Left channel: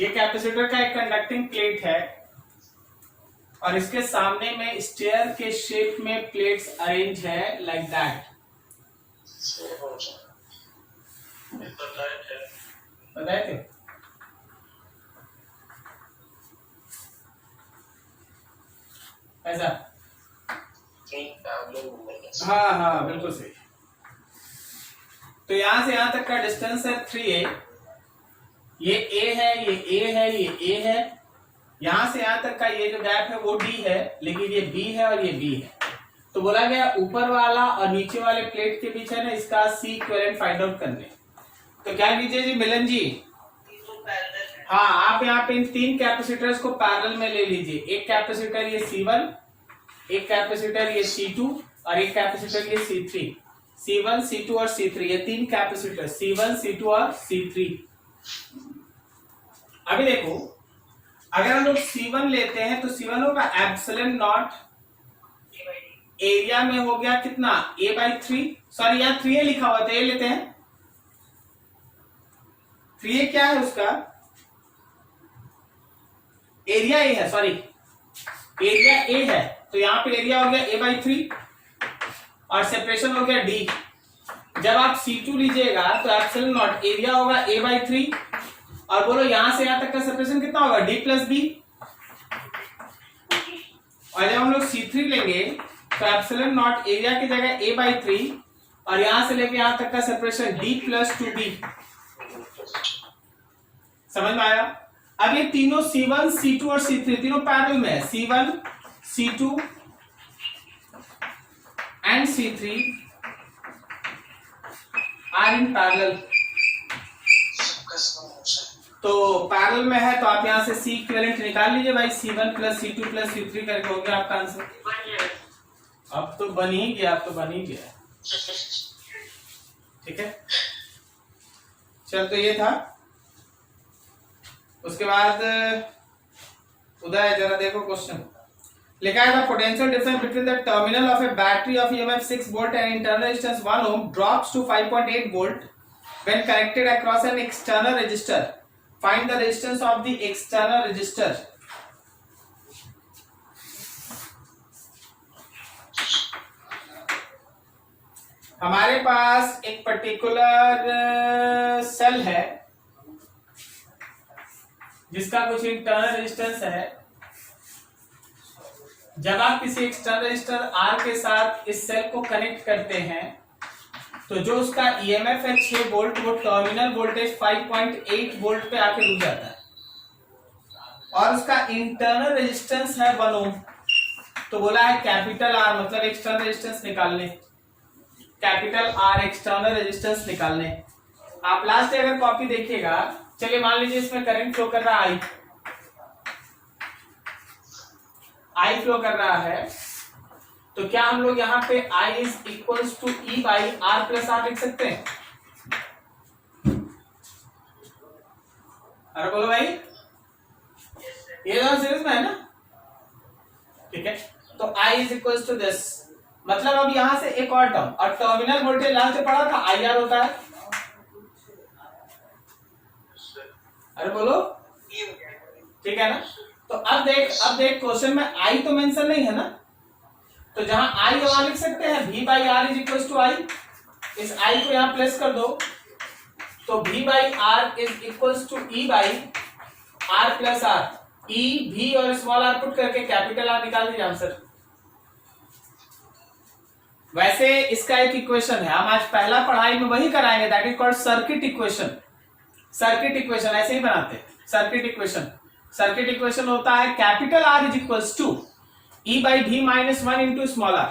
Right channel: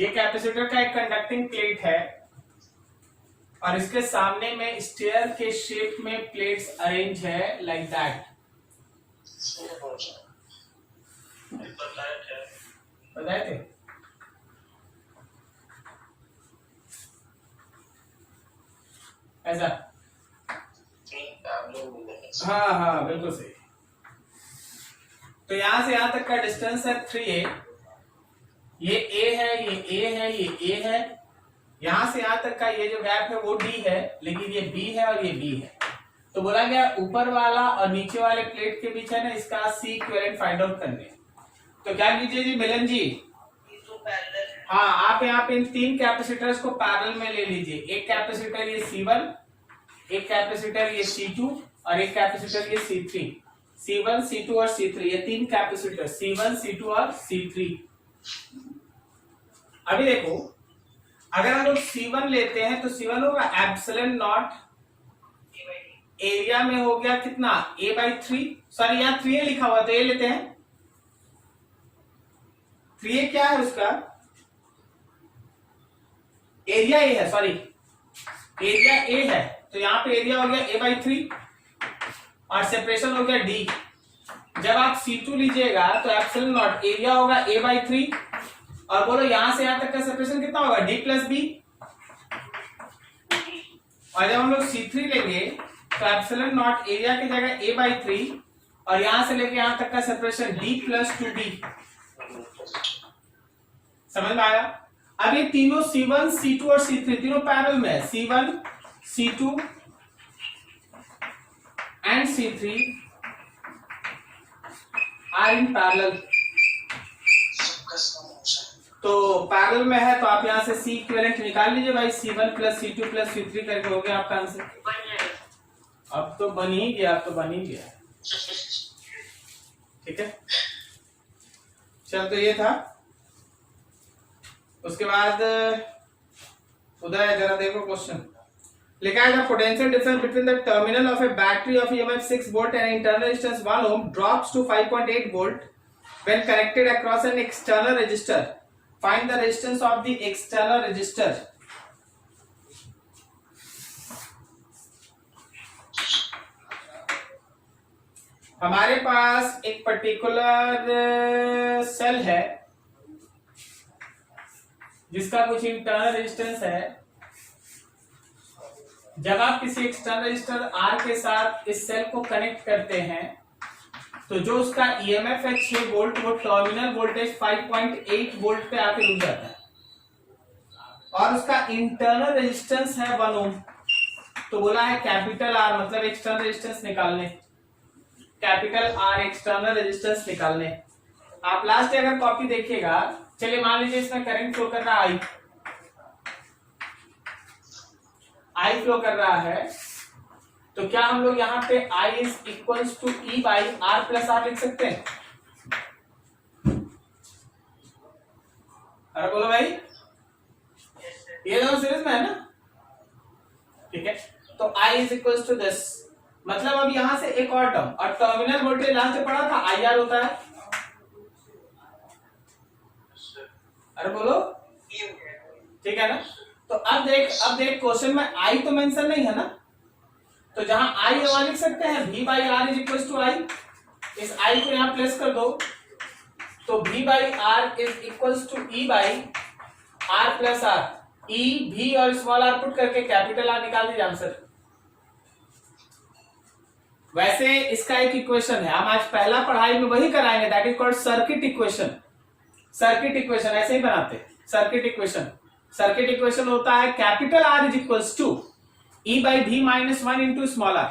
ये कैपेसिटर का एक कंडक्टिंग प्लेट है और इसके सामने में स्टेयर के शेप में प्लेट्स अरेंज है लाइक दैट। बताए थे? ऐसा? हाँ हाँ बिल्कुल सही। तो यहां से यहां तक का डिस्टेंस है 3a। ये a है, ये a है, ये a है। यहां से यहां तक का ये जो गैप है वो d है, लेकिन ये b है और ये b है। तो बोला गया ऊपर वाला और नीचे वाले प्लेट के बीच है ना, इसका C इक्विवेलेंट फाइंड आउट करने। तो क्या कीजिए जी मिलन जी, हाँ आप यहाँ पे इन तीन कैपेसिटर्स को पैरेलल में ले लीजिए। एक कैपेसिटर ये C1, एक कैपेसिटर ये C2 और एक कैपेसिटर ये C3। C1, C2 और C3, ये तीन कैपेसिटर C1, C2 और C3। अभी देखो, अगर हम लोग C1 लेते हैं तो C1 होगा एप्सिलॉन नॉट, एरिया में हो गया कितना A/3। सॉरी यहाँ 3a लिखा हुआ था, ये लेते हैं 3a क्या है उसका एरिया A है, सॉरी एरिया A है, तो यहाँ पे एरिया हो गया A/3 और सेपरेशन हो गया D। जब आप C2 लीजिएगा तो एप्सिलॉन नॉट एरिया होगा A/3 और बोलो यहां से यहां तक का सेपरेशन कितना होगा D+B। और जब हम लोग C3 लेंगे तो एप्सिलॉन नॉट एरिया की जगह A/3 और यहां से लेके यहां तक का सेपरेशन D+2B। समझ में आया? अब ये तीनों C1, C2 और C3 तीनों पैरेलल में है। C1, C2 and C3 are in parallel. तो पैरेलल में है तो आप यहां से C इक्विवेलेंट निकाल लीजिए भाई। C1 plus C2 plus C3 करके हो गया आपका आंसर। अब तो बन ही गया, अब तो बन ही गया। ठीक है, चल तो ये था। उसके बाद उदय जरा देखो क्वेश्चन लिखा है, potential difference between the terminal of A battery of EMF 6 volt and internal resistance 1 ohm drops to 5.8 volt when connected across an external resistor. Find the resistance of the external resistor. हमारे पास एक particular cell है जिसका कुछ internal resistance है। जब आप किसी external resistor R के साथ इस सेल को कनेक्ट करते हैं तो जो उसका EMF है 6 वोल्ट, वो टर्मिनल वोल्टेज 5.8 वोल्ट पे आके रुक जाता है और उसका इंटरनल रेजिस्टेंस है 1 ओम। तो बोला है कैपिटल R, मतलब एक्सटर्नल रेजिस्टेंस निकालने, कैपिटल R एक्सटर्नल रेजिस्टेंस निकालने। आप लास्ट अगर कॉपी देखिएगा, चलिए मान लीजिए इसमें करंट फ्लो कर रहा है I फ्लो कर रहा है, तो क्या हम लोग यहाँ पे I is equals to E/R plus R लिख सकते हैं? अरे बोलो भाई, ये दोनों सीरीज में है ना? ठीक है, तो I is equals to this. मतलब अब यहां से एक और टर्म, और टर्मिनल वोल्टेज लास्ट में पढ़ा था IR होता है। अरे बोलो, ठीक है ना? तो अब देख क्वेश्चन में I तो मेंशन नहीं है ना, तो जहां I वहां लिख सकते हैं V/R is equal to I। इस I को यहां प्लेस कर दो तो V/R is equal to E/R plus R। E, V और स्मॉल r पुट करके कैपिटल R निकाल दीजिए आंसर। वैसे इसका एक इक्वेशन है, हम आज पहला पढ़ाई में वही कराएंगे, that is called circuit equation. Circuit equation ऐसे ही बनाते, सर्किट इक्वेशन। सर्किट इक्वेशन होता है capital R is equals to E/V minus 1 into small r।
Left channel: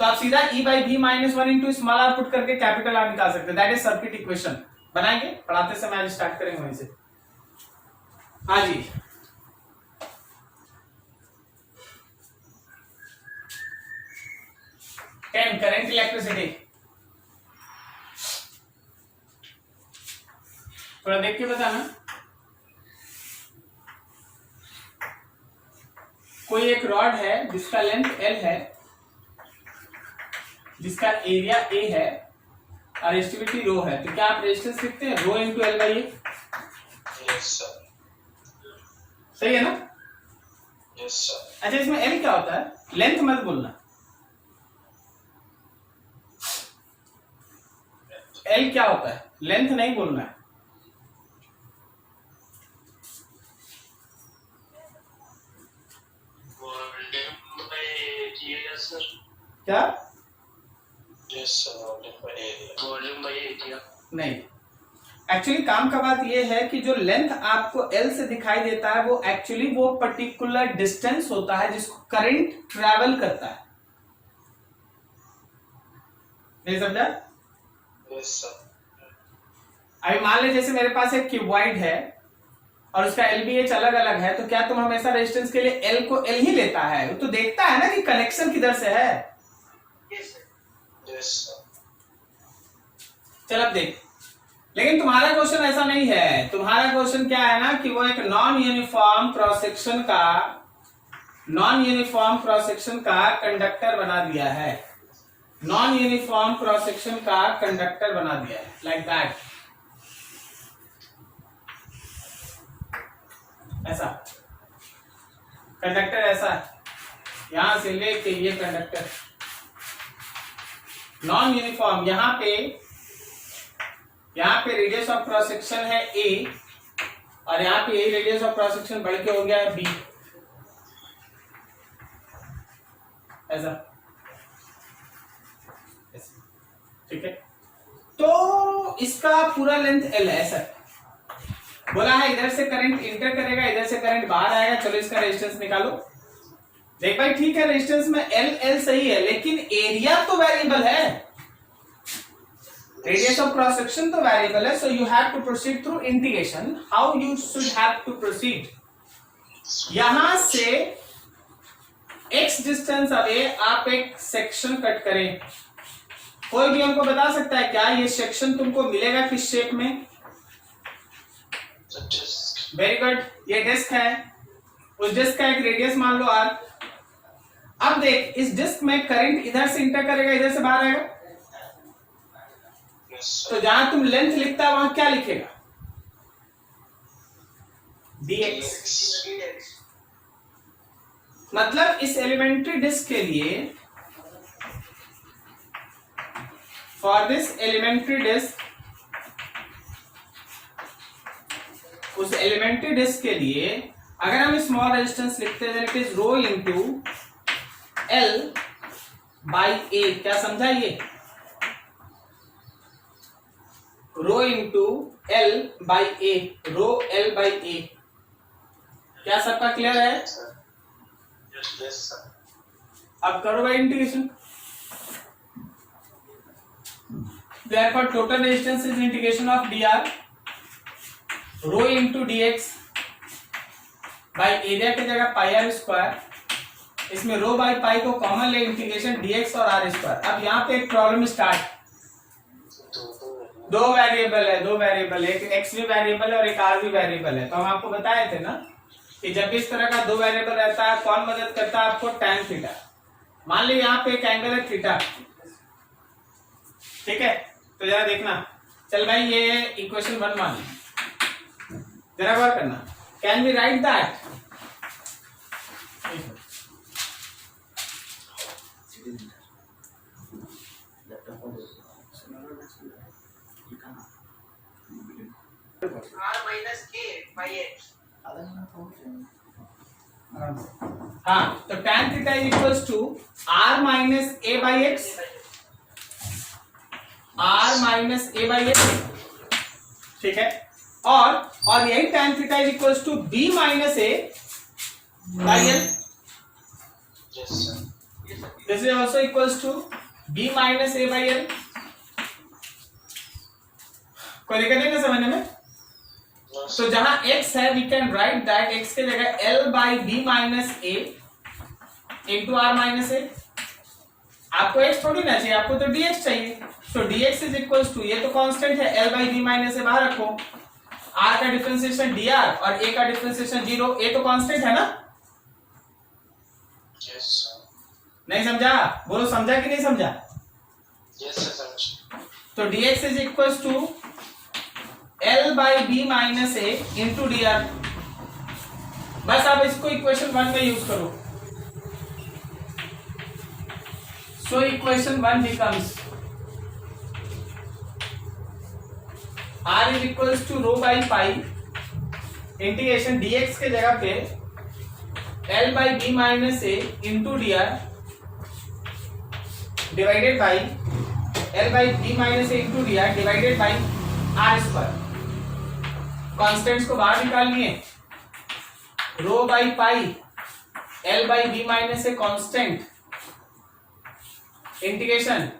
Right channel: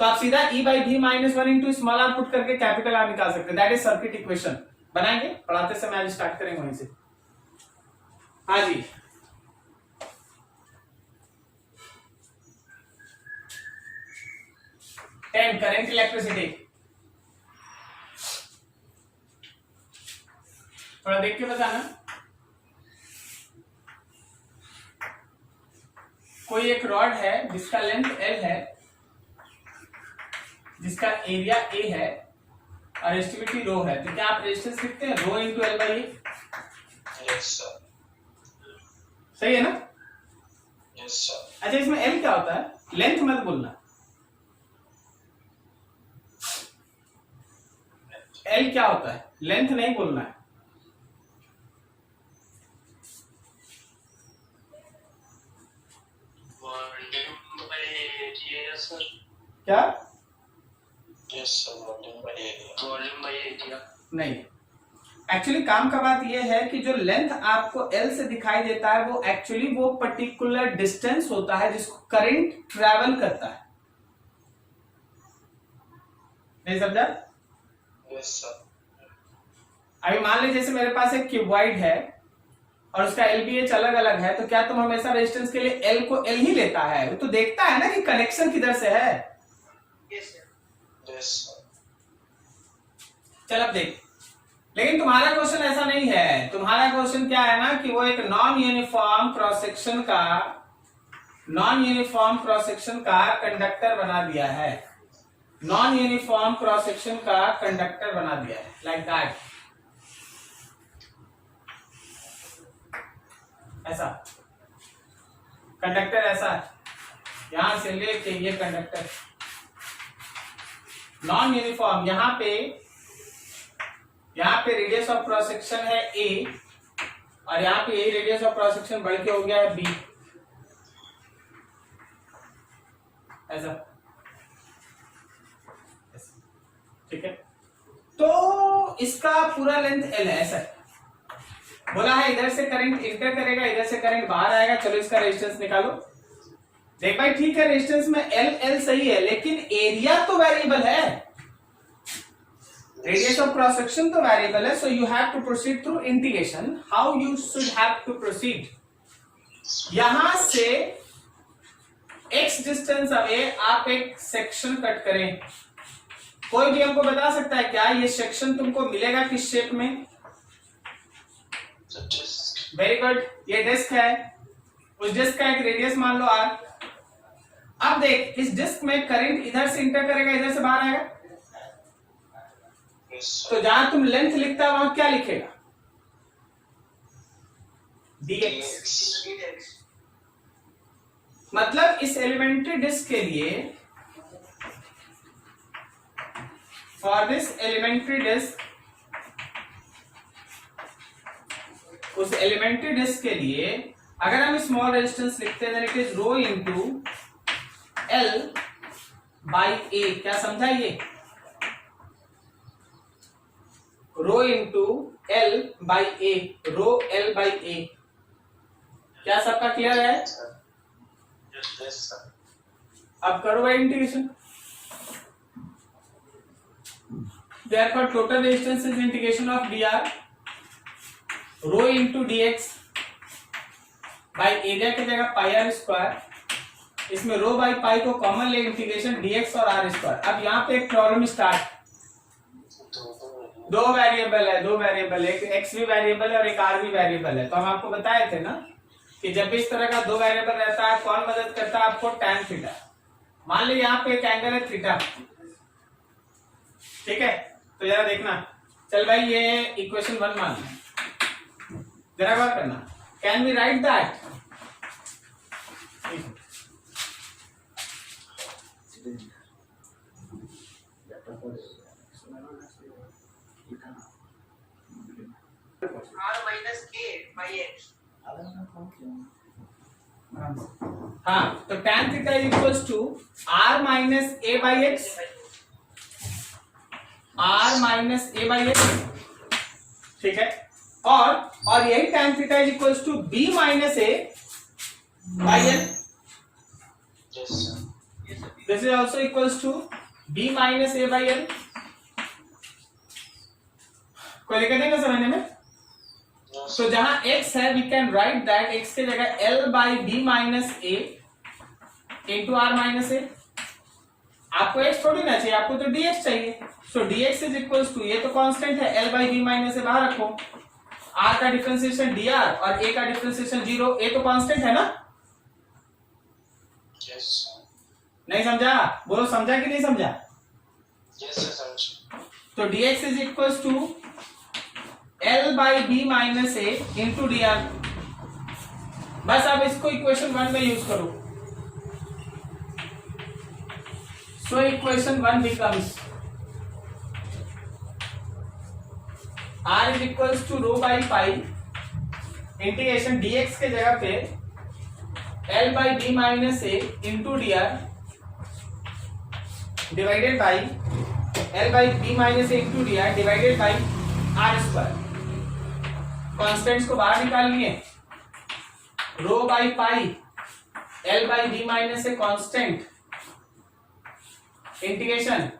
तो आप सीधा E/V minus 1 into small r put करके कैपिटल R निकाल सकते हैं, दैट इज सर्किट इक्वेशन। बनाएंगे, पढ़ाते समय आज स्टार्ट करेंगे वहीं से। हाँ जी, करंट इलेक्ट्रिसिटी थोड़ा देख के बताना। कोई एक रॉड है जिसका लेंथ L है, जिसका एरिया A है और रेजिस्टिविटी रो है, तो क्या आप रेजिस्टेंस लिखते हैं rho into L/A? Yes sir. सही है ना? Yes sir. अच्छा, इसमें एल क्या होता है? लेंथ मत बोलना, एल क्या होता है, लेंथ नहीं बोलना है। Volume by area sir. क्या? Yes sir, volume by area. Volume by area नहीं, एक्चुअली काम का बात यह है कि जो लेंथ आपको एल से दिखाई देता है वो एक्चुअली वो पर्टिकुलर डिस्टेंस होता है जिसको करंट ट्रैवल करता है। नहीं समझा? Yes sir. अभी मान लीजिए जैसे मेरे पास एक क्यूबॉइड है और उसका एलबीएच अलग अलग है, तो क्या तुम हमेशा रेजिस्टेंस के लिए एल को एल ही लेता है? वो तो देखता है ना कि कनेक्शन किधर से है। Yes sir. Yes sir. चल अब देख, लेकिन तुम्हारा क्वेश्चन ऐसा नहीं है। तुम्हारा क्वेश्चन क्या है ना कि वो एक नॉन यूनिफॉर्म क्रॉस सेक्शन का कंडक्टर बना दिया है, नॉन यूनिफॉर्म क्रॉस सेक्शन का कंडक्टर बना दिया है, लाइक दैट, ऐसा कंडक्टर ऐसा है, यहां से लेके ये कंडक्टर नॉन यूनिफॉर्म। यहाँ पे रेडियस ऑफ क्रॉस सेक्शन है ए और यहाँ पे यही रेडियस ऑफ क्रॉस सेक्शन बढ़ के हो गया है बी, ऐसा, ठीक है। तो इसका पूरा लेंथ एल है, ऐसा बोला है। इधर से करंट इंटर करेगा, इधर से करंट बाहर आएगा। चलो इसका रेजिस्टेंस निकालो। देख भाई, ठीक है, रेजिस्टेंस में एल सही है, लेकिन एरिया तो वेरिएबल है, रेडियस ऑफ क्रॉस सेक्शन तो वेरिएबल है। So you have to proceed through integration. How you should have to proceed, यहां से x डिस्टेंस अवे आप एक सेक्शन कट करें। कोई भी हमको बता सकता है क्या ये सेक्शन तुमको मिलेगा किस शेप में? वेरी गुड, ये डिस्क है, उस डिस्क का एक रेडियस मान लो r। अब देख, इस डिस्क में करंट इधर से इंटर करेगा, इधर से बाहर आएगा। तो जहां तुम लेंथ लिखता है वहां क्या लिखेगा? dx। मतलब इस एलिमेंट्री डिस्क के लिए, फॉर दिस एलिमेंट्री डिस्क, उस एलिमेंट्री डिस्क के लिए अगर हम स्मॉल रेजिस्टेंस लिखते हैं, it is rho into L by A. क्या समझा ये? Rho into L by A, rho L by A. क्या सबका क्लियर है? Yes sir. अब करो भाई integration. Therefore total resistance is integration of dr rho into dx by area की जगह पाई आर स्क्वायर। इसमें रो बाई पाई को कॉमन ले, इंटीग्रेशन dx और r स्क्वायर। अब यहाँ पे एक प्रॉब्लम स्टार्ट। दो वेरिएबल है, एक x भी वेरिएबल है और एक r भी वेरिएबल है। तो हम आपको बताए थे ना कि जब भी इस तरह का दो वेरिएबल रहता है, कौन मदद करता है आपको? tan theta. मान ली यहाँ पे एक एंगल है थीटा, ठीक है। तो जरा देखना, चल भाई ये इक्वेशन 1 मान ली, जरा गौर करना। Can we write that? r minus a by x। हाँ, तो tan theta is equals to r minus a by x, r minus a by x, ठीक है। और यही tan theta is equals to b minus a by l. This is also equals to b minus a by l. कोई दिक्कत नहीं ना समझने में? तो जहां x है, we can write that x के जगह l by B minus A into R minus A. आपको x थोड़ी ना चाहिए, आपको तो dx चाहिए। तो dx इज इक्वल्स टू, ये तो कांस्टेंट है, l बाई बी माइनस ए बाहर रखो, r का डिफरेंशिएशन dr और a का डिफरेंशिएशन 0, a तो कांस्टेंट है ना? Yes sir. नहीं समझा? बोलो, समझा कि नहीं समझा? यस सर, समझ। तो dx is equals to l by B minus A into d r. बस आप इसको इक्वेशन 1 में यूज करो। So equation 1 becomes r is equals to rho by pi integration dx के जगह पे l by B minus A into d r divided by l by B minus A into d r divided by r square. Constants को बाहर निकाल लिए, rho by pi l by B minus a constant integration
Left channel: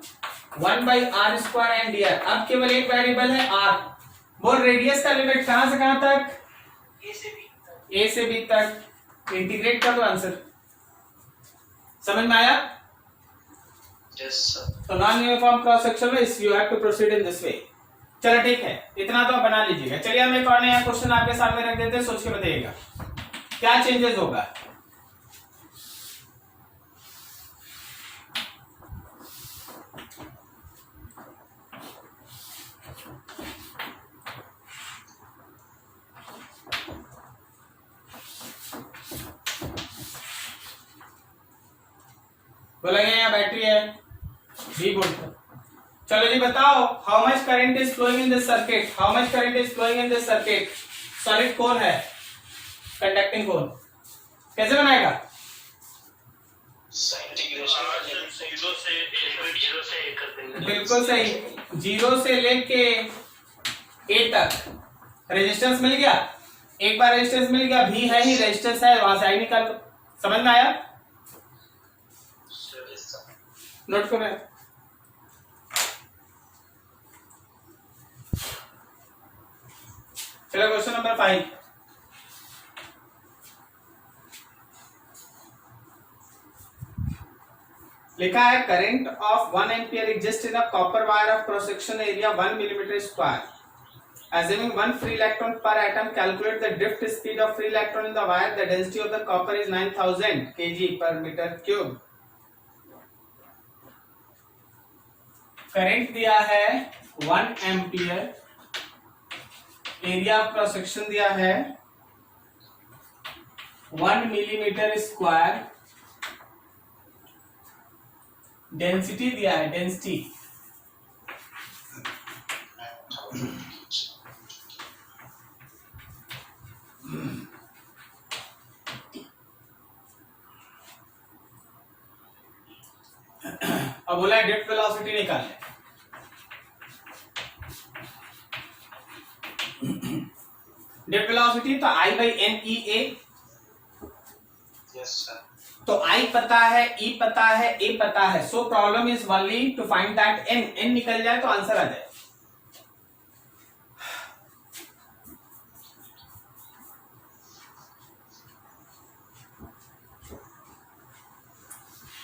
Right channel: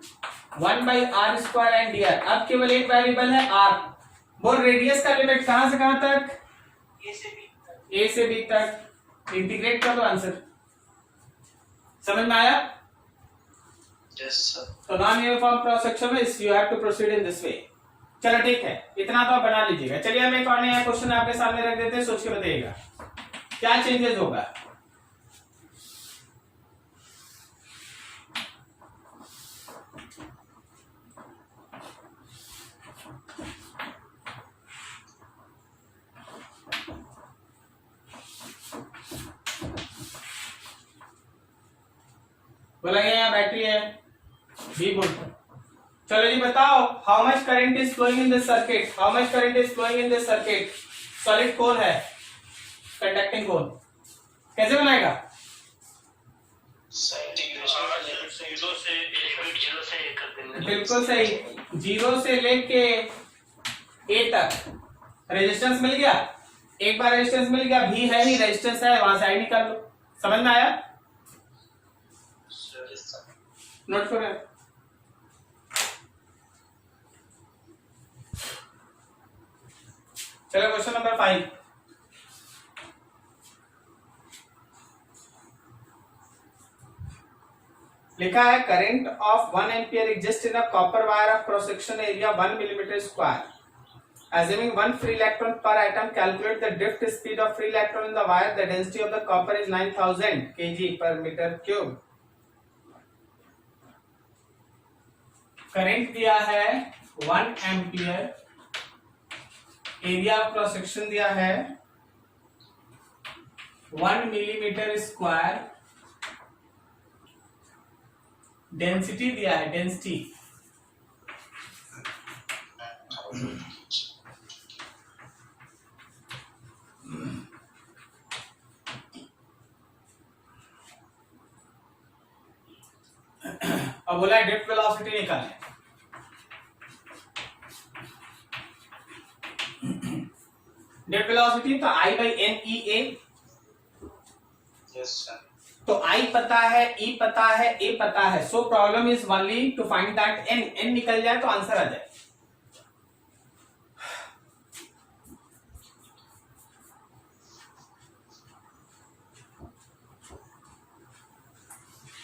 1 by r square and d r. अब केवल एक variable है r। बोल radius का लिमिट कहां से कहां तक? ए से बी तक। इंटीग्रेट कर दो, आंसर समझ में आया? Yes sir. तो नॉन यूनिफॉर्म क्रॉस सेक्शन में you have to proceed in this way. चलो ठीक है, इतना तो बना लीजिएगा। चलिए हम एक और नया क्वेश्चन आपके सामने रख देते हैं, सोच के बताइएगा क्या चेंजेस होगा। बोला गया यहाँ बैटरी है बी वोल्ट। चलो जी बताओ, how much current is flowing in this circuit? How much current is flowing in this circuit? Solid core है, कंडक्टिंग कोर। कैसे बनाएगा? बिल्कुल सही, 0 से लेके ए तक रेजिस्टेंस मिल गया। एक बार रेजिस्टेंस मिल गया, भी है ही रेजिस्टेंस है, वहां से आई निकाल लो। समझ में आया? नोट करो। चलो क्वेश्चन नंबर 5। लिखा है current of 1 ampere exist in a copper wire of cross section area 1 millimetre square. Assuming 1 free electron per atom, calculate the drift speed of free electron in the wire. The density of the copper is 9000 kg per meter cube. Current दिया है 1 ampere, area of cross section दिया है 1 millimetre square, density दिया है, density अब बोला drift velocity निकालने। Drift velocity तो I by n e A. Yes sir. तो I पता है, E पता है, A पता है। So problem is only to find that n निकल जाए तो आंसर आ जाए।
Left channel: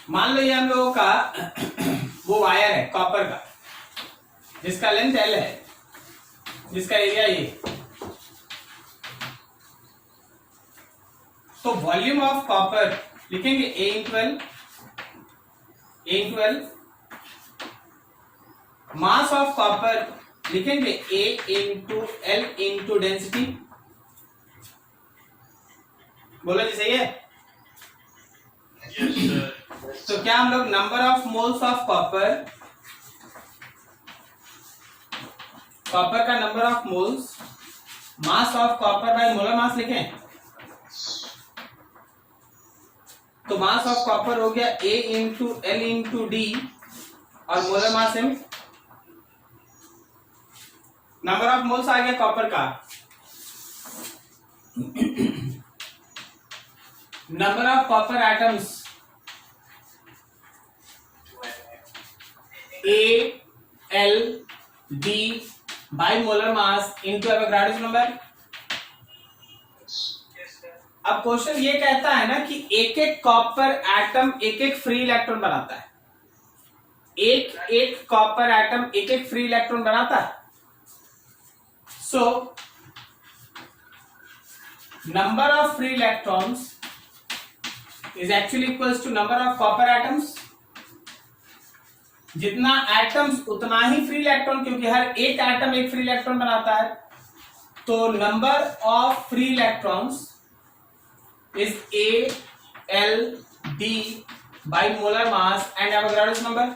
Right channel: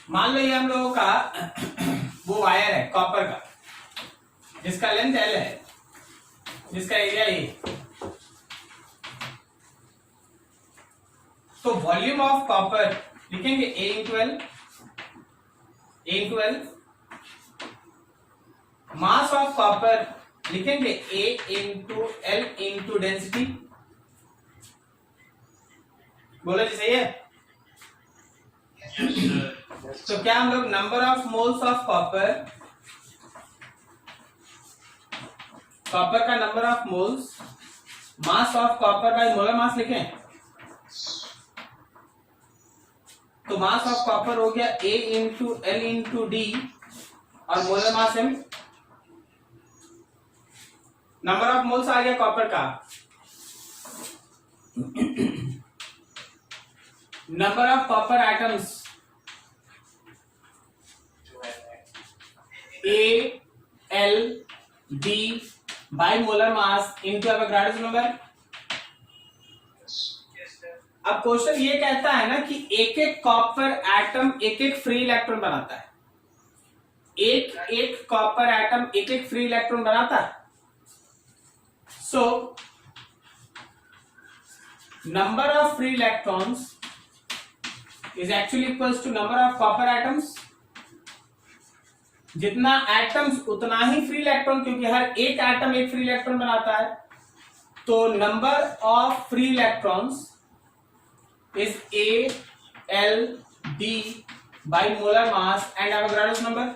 मान लो ये हम लोगों का वो वायर है कॉपर का, जिसका लेंथ L है, जिसका एरिया ये। तो वॉल्यूम ऑफ कॉपर लिखेंगे A into L, A into L. Mass of copper लिखेंगे A into L into density. बोलो जी सही है? Yes sir. तो क्या हम लोग number of moles of copper, copper का number of moles, mass of copper by molar mass लिखें? तो मास ऑफ कॉपर हो गया A into L into D और molar mass M। Number of moles आ गया कॉपर का। Number of copper atoms A L D by molar mass into Avogadro's number. अब question ये कहता है ना कि एक एक कॉपर एटम एक एक फ्री इलेक्ट्रॉन बनाता है। एक एक कॉपर एटम एक एक फ्री इलेक्ट्रॉन बनाता है। So number of free electrons is actually equals to number of copper atoms. जितना एटम्स उतना ही फ्री इलेक्ट्रॉन, क्योंकि हर एक एटम एक फ्री इलेक्ट्रॉन बनाता है। तो number of free electrons is ALD by molar mass and Avogadro's number।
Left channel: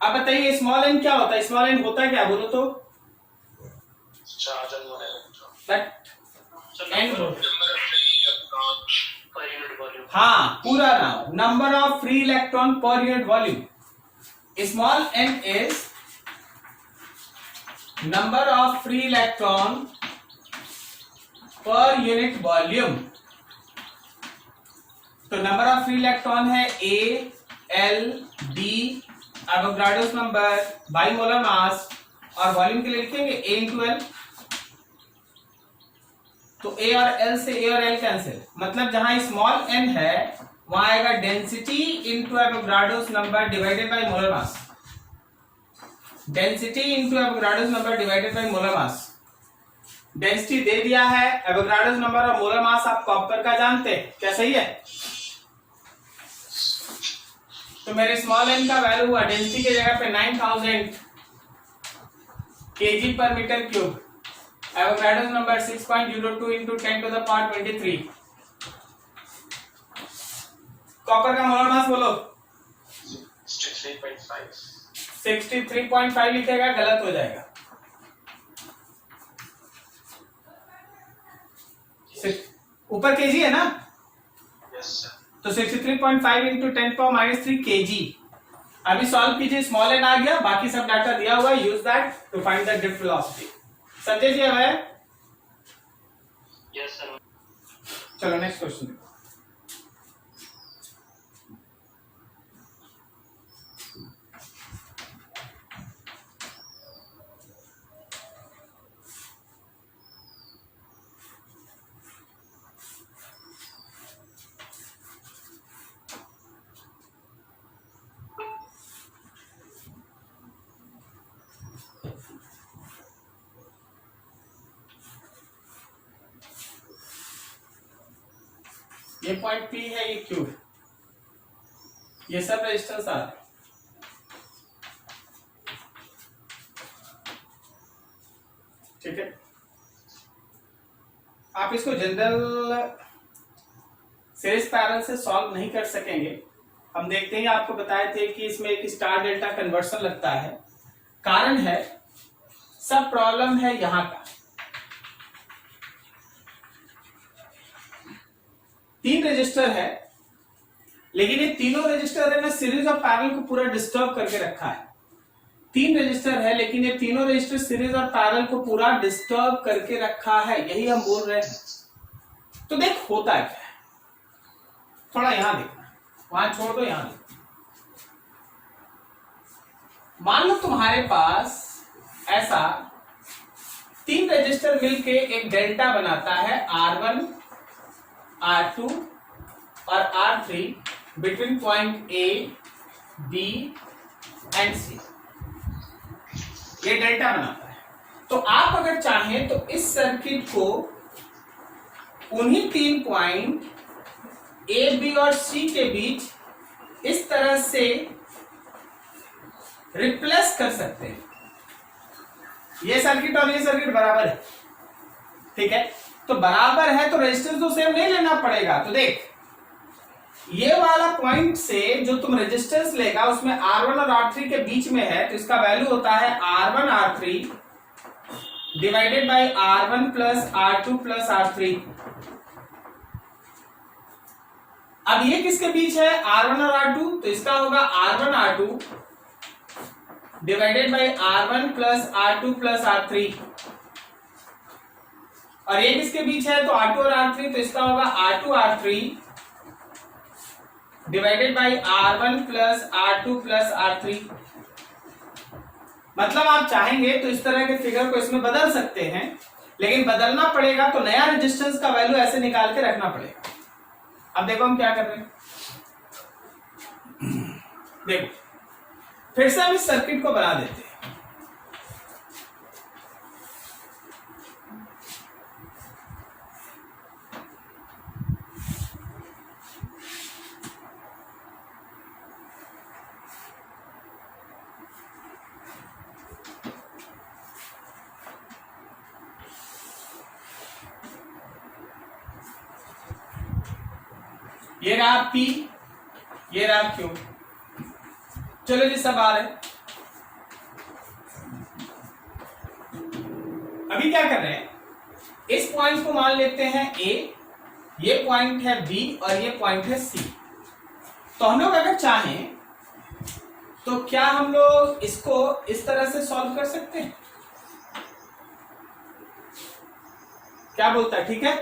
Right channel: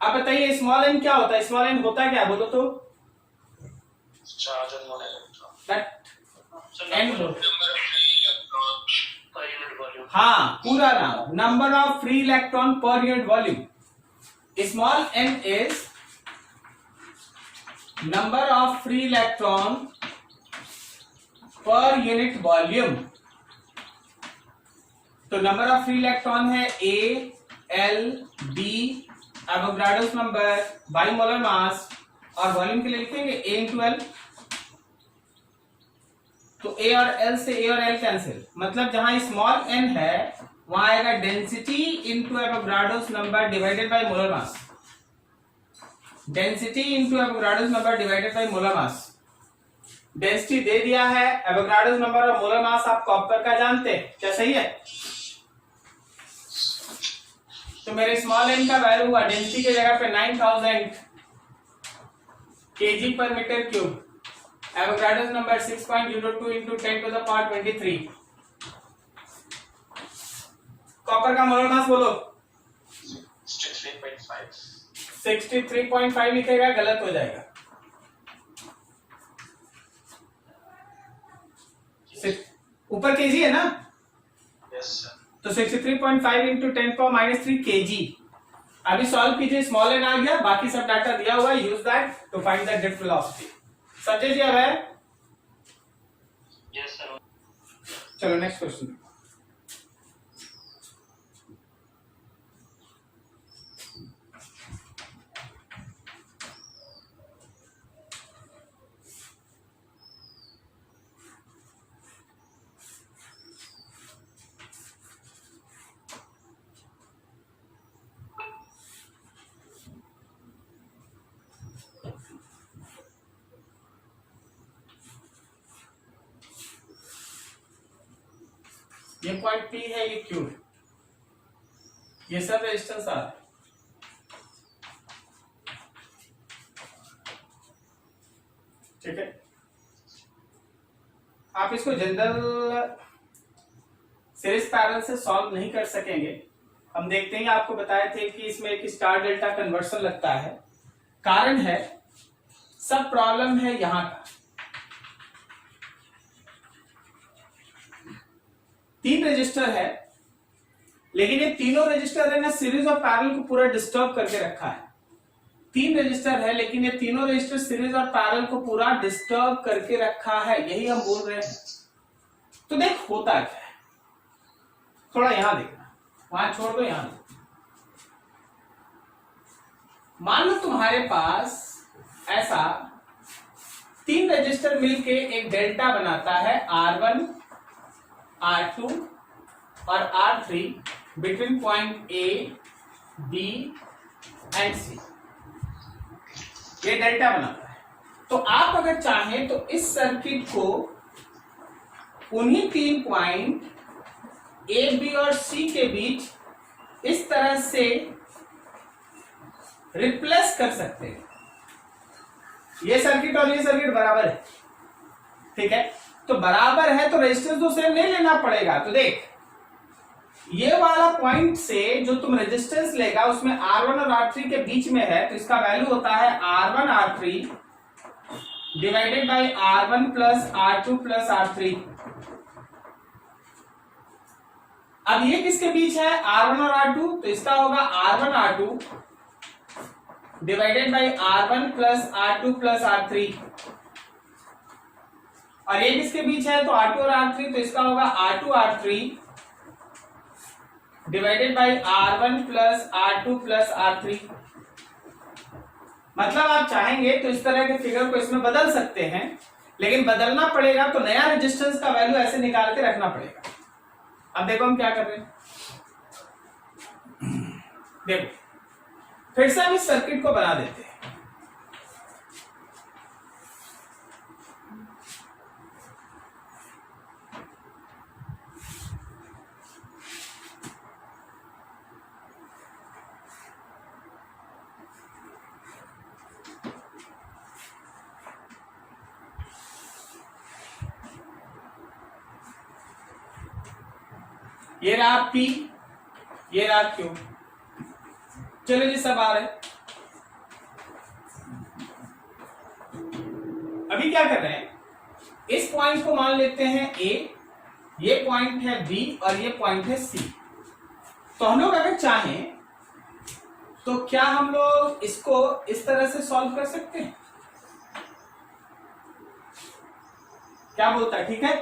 अब बताइए स्मॉल n क्या होता है? स्मॉल n होता है क्या, बोलो तो? Charge on electron. That n number of free electron per unit volume. हाँ, पूरा नाम, number of free electron per unit volume. Small n is number of free electron per unit volume। तो number of free electron है ALD, Avogadro's number, by molar मास, और volume के लिए लिखेंगे A into L। तो A और L से A और L कैंसिल, मतलब जहां स्मॉल n है वहां आएगा density into Avogadro's number divided by molar mass. Density into Avogadro's number divided by molar mass. Density दे दिया है, एवोगाड्रोस नंबर और मोलर मास आप कॉपर का जानते हैं, क्या सही है? तो मेरे स्मॉल n का वैल्यू हुआ डेंसिटी के जगह पे 9000 kg per metre cube, Avogadro's number 6.02 into 10 to the power 23। Copper का मोलर मास बोलो। 63.5। 63.5 लिखेगा, गलत हो जाएगा। ऊपर केजी है ना? Yes sir. तो 63.5 इंटू 10⁻³ kg। अभी सॉल्व कीजिए, स्मॉल n आ गया, बाकी सब डाटा दिया हुआ है, use that to find the drift velocity. Sanjay ji है? Yes sir. चलो नेक्स्ट क्वेश्चन। ये पॉइंट P है, ये Q, ये सब रेजिस्टेंस आ रहे हैं। ठीक है, आप इसको जनरल सीरीज पैरेलल से सॉल्व नहीं कर सकेंगे। हम देखते हैं, आपको बताए थे कि इसमें एक स्टार डेल्टा कन्वर्सन लगता है। कारण है, सब प्रॉब्लम है यहां का। 3 रजिस्टर है, लेकिन ये तीनों रजिस्टर है ना सीरीज और पैरेलल को पूरा डिस्टर्ब करके रखा है। 3 रजिस्टर है, लेकिन ये तीनों रजिस्टर सीरीज और पैरेलल को पूरा डिस्टर्ब करके रखा है, यही हम बोल रहे हैं। तो देख होता क्या है, थोड़ा यहां देखना, वहां छोड़ दो, यहां देखना। मान लो तुम्हारे पास ऐसा 3 रजिस्टर मिलके एक डेल्टा बनाता है R1, R2 और R3 between point A, B and C। ये डेल्टा बनाता है। तो आप अगर चाहें तो इस सर्किट को उन्हीं 3 पॉइंट A, B और C के बीच इस तरह से रिप्लेस कर सकते हैं। ये सर्किट और ये सर्किट बराबर है, ठीक है? तो बराबर है तो रेजिस्टेंस तो सेम नहीं लेना पड़ेगा। तो देख, ये वाला पॉइंट से जो तुम रेजिस्टेंस लेगा उसमें R1 और R3 के बीच में है, तो इसका वैल्यू होता है R1 R3 divided by R1 plus R2 plus R3। अब ये किसके बीच है? R1 और R2, तो इसका होगा R1 R2 divided by R1 plus R2 plus R3। और ये किसके बीच है? तो R2 और R3, तो इसका होगा R2 R3 divided by R1 plus R2 plus R3। मतलब आप चाहेंगे तो इस तरह के फिगर को इसमें बदल सकते हैं, लेकिन बदलना पड़ेगा तो नया रेजिस्टेंस का वैल्यू ऐसे निकाल के रखना पड़ेगा। अब देखो हम क्या कर रहे हैं, देखो फिर से हम इस सर्किट को बना देते हैं। ये रहा P, ये रहा Q। चलो जी सब आ रहे। अभी क्या कर रहे हैं, इस पॉइंट को मान लेते हैं A, ये पॉइंट है B और ये पॉइंट है C। तो हम लोग अगर चाहें तो क्या हम लोग इसको इस तरह से सॉल्व कर सकते हैं? क्या बोलता है, ठीक है?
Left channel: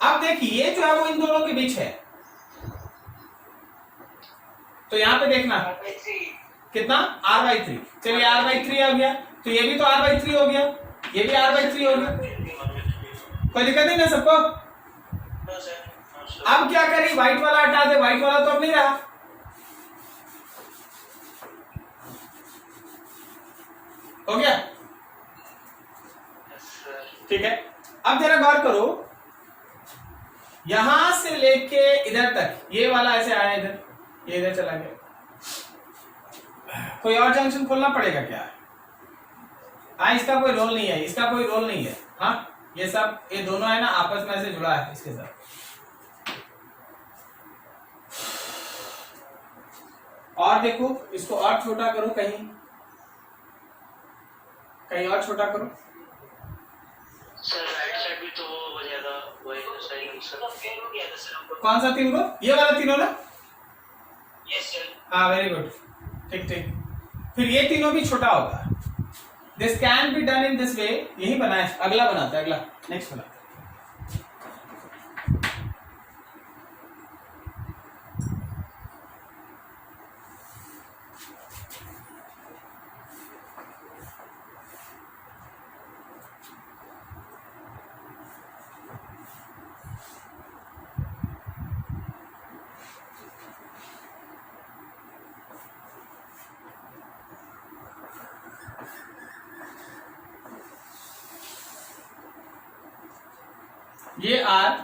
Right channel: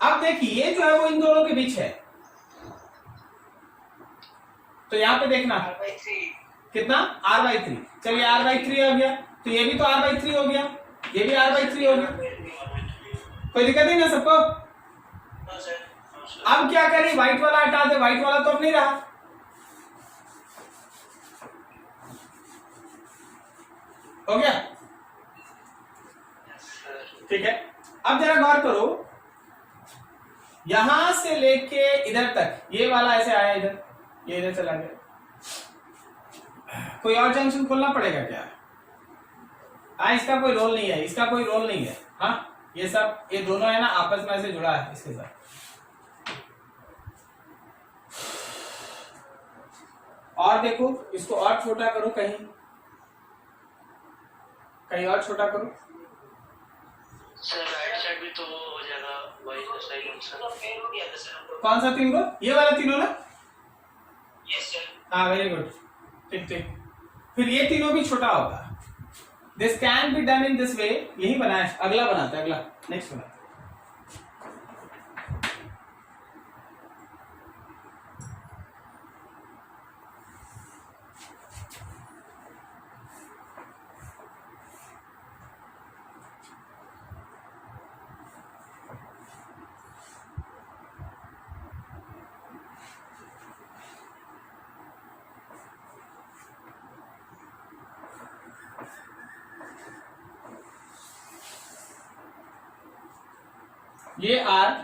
अब देखिए ये जो है वो इन दोनों के बीच है, तो यहां पे देखना कितना r/3। चलिए r/3 हो गया, तो ये भी तो r/3 हो गया, ये भी r/3 हो गया, कोई दिक्कत नहीं ना सबको? अब क्या करें, व्हाइट वाला हटा दे, व्हाइट वाला तो अब नहीं रहा। हो गया, ठीक है। अब जरा गौर करो, यहां से लेके इधर तक ये वाला ऐसे आया, इधर ये इधर चला गया, कोई और जंक्शन खोलना पड़ेगा क्या? इसका कोई रोल नहीं है, इसका कोई रोल नहीं है। हाँ, ये सब ये दोनों है ना आपस में ऐसे जुड़ा है इसके साथ। और देखो इसको और छोटा करो, कहीं कहीं और छोटा करो। सर राइट साइड भी तो हो जाएगा, वही साइड सर फेल हो गया था सर। कौन सा 3 को? ये वाला 3 ना? Yes sir. हाँ वेरी गुड, ठीक ठीक। फिर ये तीनों भी छोटा होगा। This can be done in this वे। यही बनाए, अगला बनाते हैं, अगला नेक्स्ट बनाते हैं। ये r/3,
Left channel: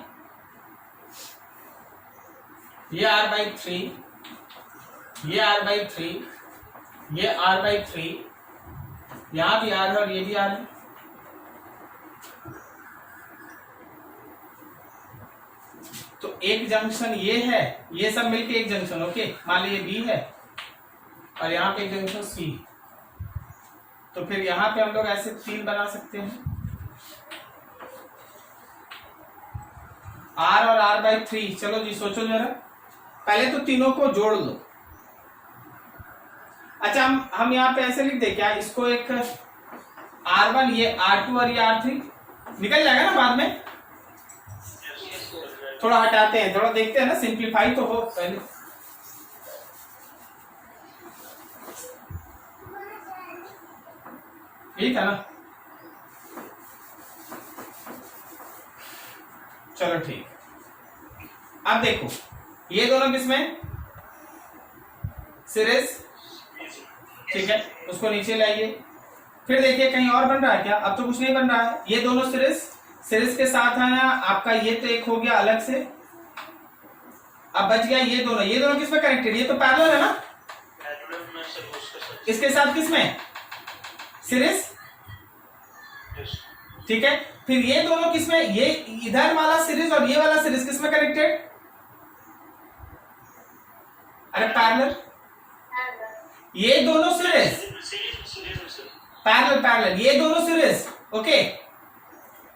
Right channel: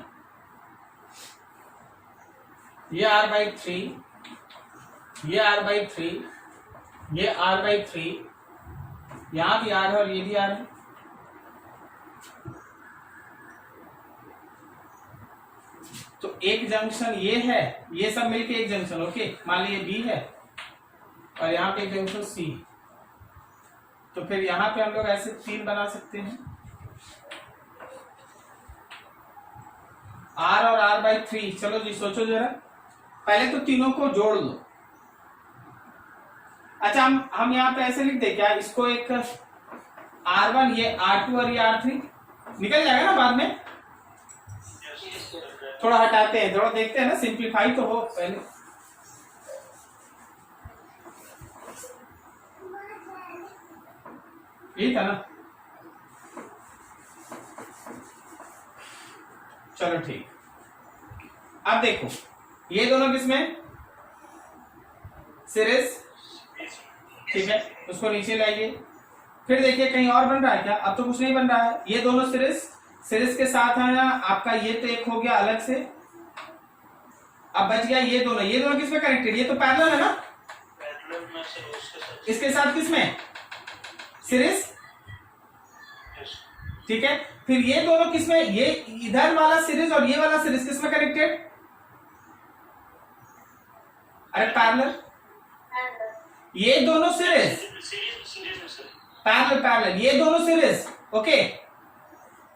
ये r/3, ये r/3, यहां भी r है और ये भी r है। तो एक जंक्शन ये है, ये सब मिलके एक जंक्शन, ओके। मान लीजिए B है और यहाँ पे एक जंक्शन C, तो फिर यहाँ पे हम लोग ऐसे 3 बना सकते हैं, R और r/3। चलो जी सोचो जरा, पहले तो तीनों को जोड़ लो। अच्छा हम यहाँ पे ऐसे लिख दे क्या, इसको एक R1, ये R2 और ये R3 निकल जाएगा ना बाद में। थोड़ा हटाते हैं, थोड़ा देखते हैं ना, सिंप्लीफाई तो हो पहले। यही था ना, चलो ठीक। अब देखो ये दोनों किसमें, सीरीज, ठीक है, उसको नीचे लाइए। फिर देखिए कहीं और बन रहा है क्या? अब तो कुछ नहीं बन रहा है, ये दोनों सीरीज के साथ है ना आपका, ये तो एक हो गया अलग से। अब बच गया ये दोनों किसमें कनेक्टेड, ये तो पैरेलल है ना, इसके साथ किसमें, सीरीज, ठीक है। फिर ये दोनों किसमें, ये इधर वाला सीरीज और ये वाला सीरीज किसमें कनेक्टेड, अरे पैरेलल, ये दोनों सीरीज पैरेलल, ये दोनों सीरीज, ओके,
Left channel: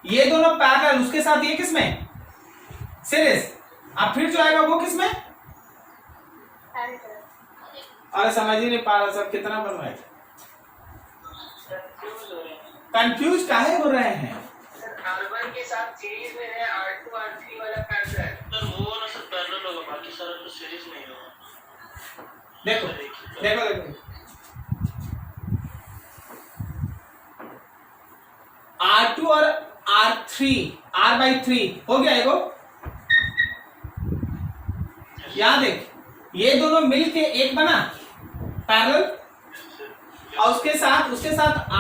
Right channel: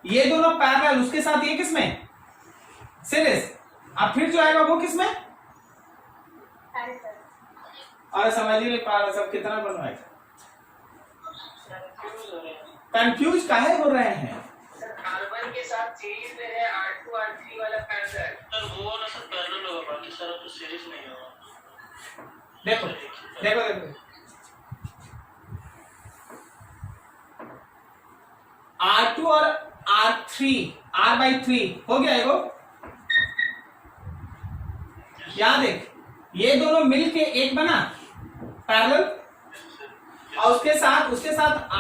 ये दोनों पैरेलल, उसके साथ ये किसमें, सीरीज। अब फिर जो आएगा वो किसमें, अरे समझ ही नहीं पा रहा सब, कितना बन रहा है, कंफ्यूज काहे हो रहे हैं? R1 के साथ सीरीज में है, R2 R3 वाला पैरेलल। सर वो ना सर पैरेलल होगा, बाकी सारा तो सीरीज नहीं होगा। देखो देखो देखो, R2 और R3, R/3 हो गया एगो। याद देख, ये दोनों मिलके एक बना पैरेलल, और उसके साथ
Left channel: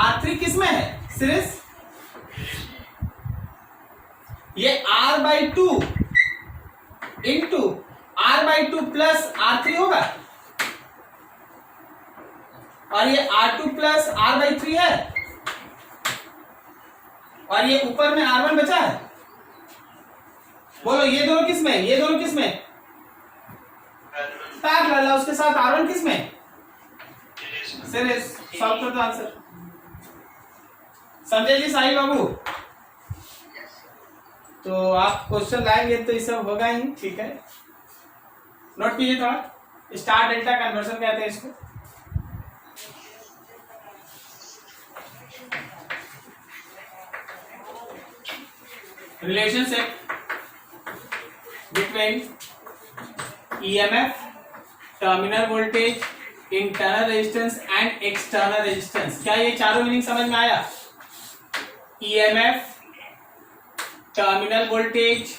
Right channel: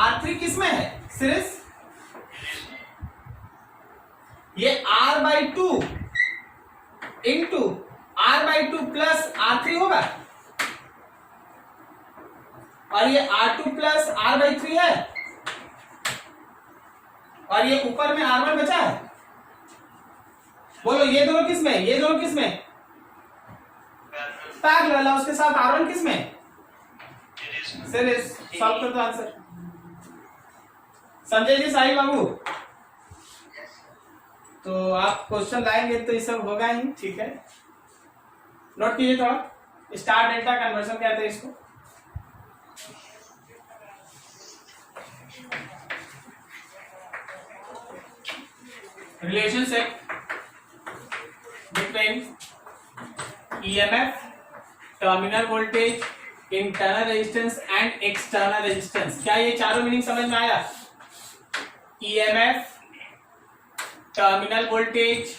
R3 किसमें है, सीरीज। ये R/2 into R/2 plus R3 होगा, और ये R2 प्लस R/3 है, और ये ऊपर में R1 बचा है। बोलो ये दोनों किस में, ये दोनों किस में, पैरेलल। उसके साथ R1 किस में, सीरीज। सॉल्व कर दो आंसर। समझे जी साहिल बाबू? तो आप क्वेश्चन लाएंगे तो ये सब होगा ही, ठीक है। नोट कीजिए थोड़ा। स्टार डेल्टा कन्वर्जन कहते हैं इसको। Relationship between EMF, terminal voltage, internal resistance and external resistance. क्या ये चारों मीनिंग समझ में आया? EMF, terminal voltage,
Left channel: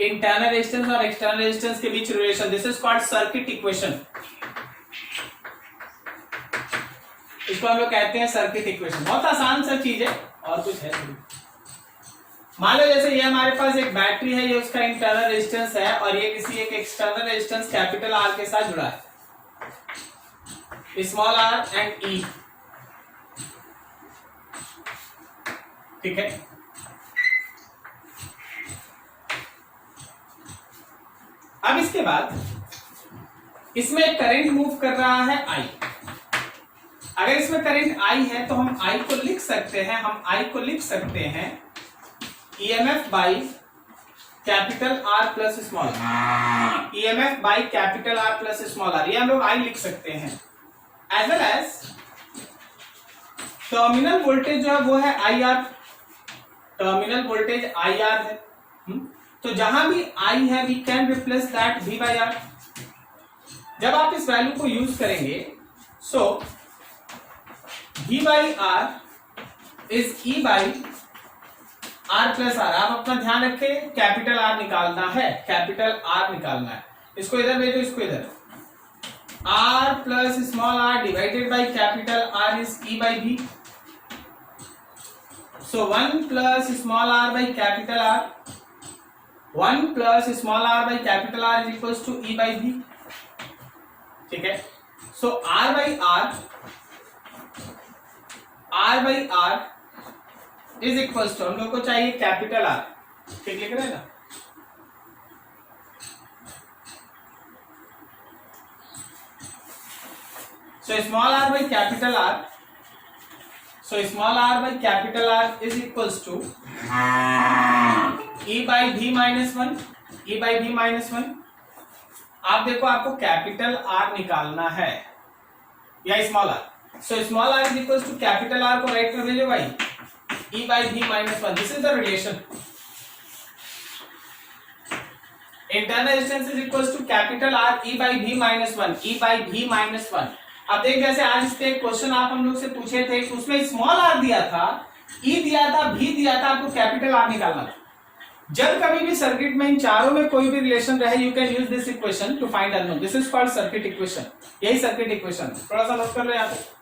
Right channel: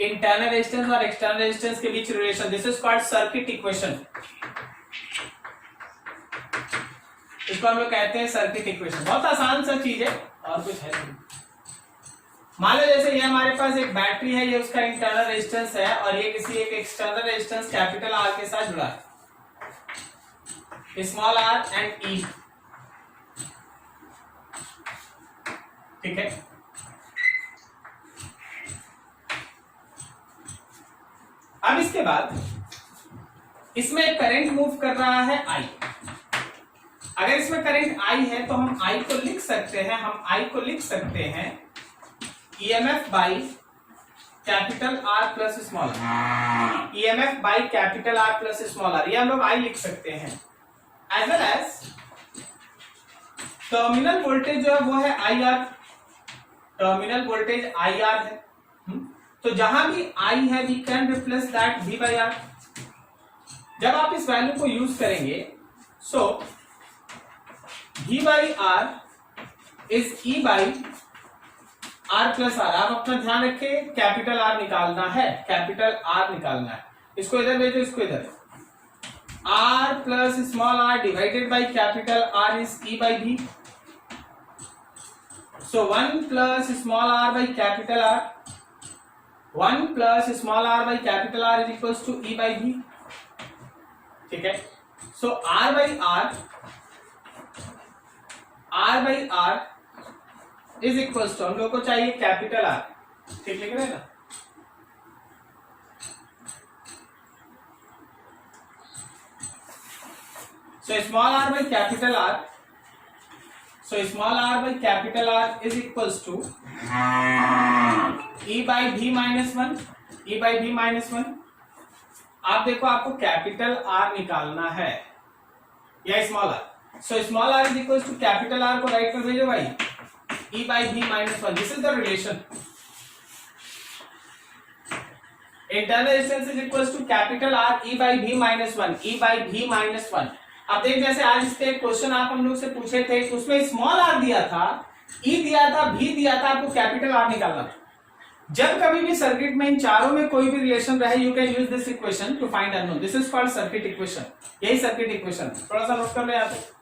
internal resistance और एक्सटर्नल रेजिस्टेंस के बीच relation, this is called circuit equation. इसको हम लोग कहते हैं सर्किट इक्वेशन। बहुत आसान सा चीज है और कुछ है नहीं। मान लो जैसे ये हमारे पास एक बैटरी है, ये उसका इंटरनल रेजिस्टेंस है और ये किसी एक एक्सटर्नल रेजिस्टेंस कैपिटल R के साथ जुड़ा है, स्मॉल r एंड E, ठीक है। अब इसके बाद इसमें एक करंट मूव कर रहा है I। अगर इसमें करंट I है तो हम I को लिख सकते हैं, EMF by capital R plus small r, EMF by capital R plus small r, ये हम लोग I लिख सकते हैं। As well as terminal voltage जो है वो है IR, टर्मिनल वोल्टेज IR है। तो जहां भी I है we can replace that V by R। जब आप इस वैल्यू को यूज करेंगे so V by R is E by R plus R। आप अपना ध्यान रखें, कैपिटल R निकालना है, कैपिटल R निकालना है। इसको इधर भेजो, इसको इधर। R plus small r divided by capital R is E by V। So 1 plus small r by capital R, 1 plus small r by capital R is equals to E by V, ठीक है। So R by R is equals to, हम लोग को चाहिए capital R, ठीक लिख रहे हैं ना। So small r by capital R, so small r by capital R is equals to E by V minus 1, E by V minus 1। आप देखो आपको कैपिटल R निकालना है या small r, so small r is equals to capital R को write कर भेजो भाई, E by V minus 1. This is the relation. Internal resistance is equals to capital R E by V minus 1. E by V minus 1. अब देख जैसे आज इस पे क्वेश्चन आप हम लोग से पूछे थे, उसमें स्मॉल r दिया था, E दिया था, V दिया था, आपको कैपिटल R निकालना था। जब कभी भी सर्किट में इन चारों में कोई भी रिलेशन रहे, you can use this equation to find unknown. This is called circuit equation. यही सर्किट इक्वेशन, थोड़ा सा नोट कर लो यहाँ पे।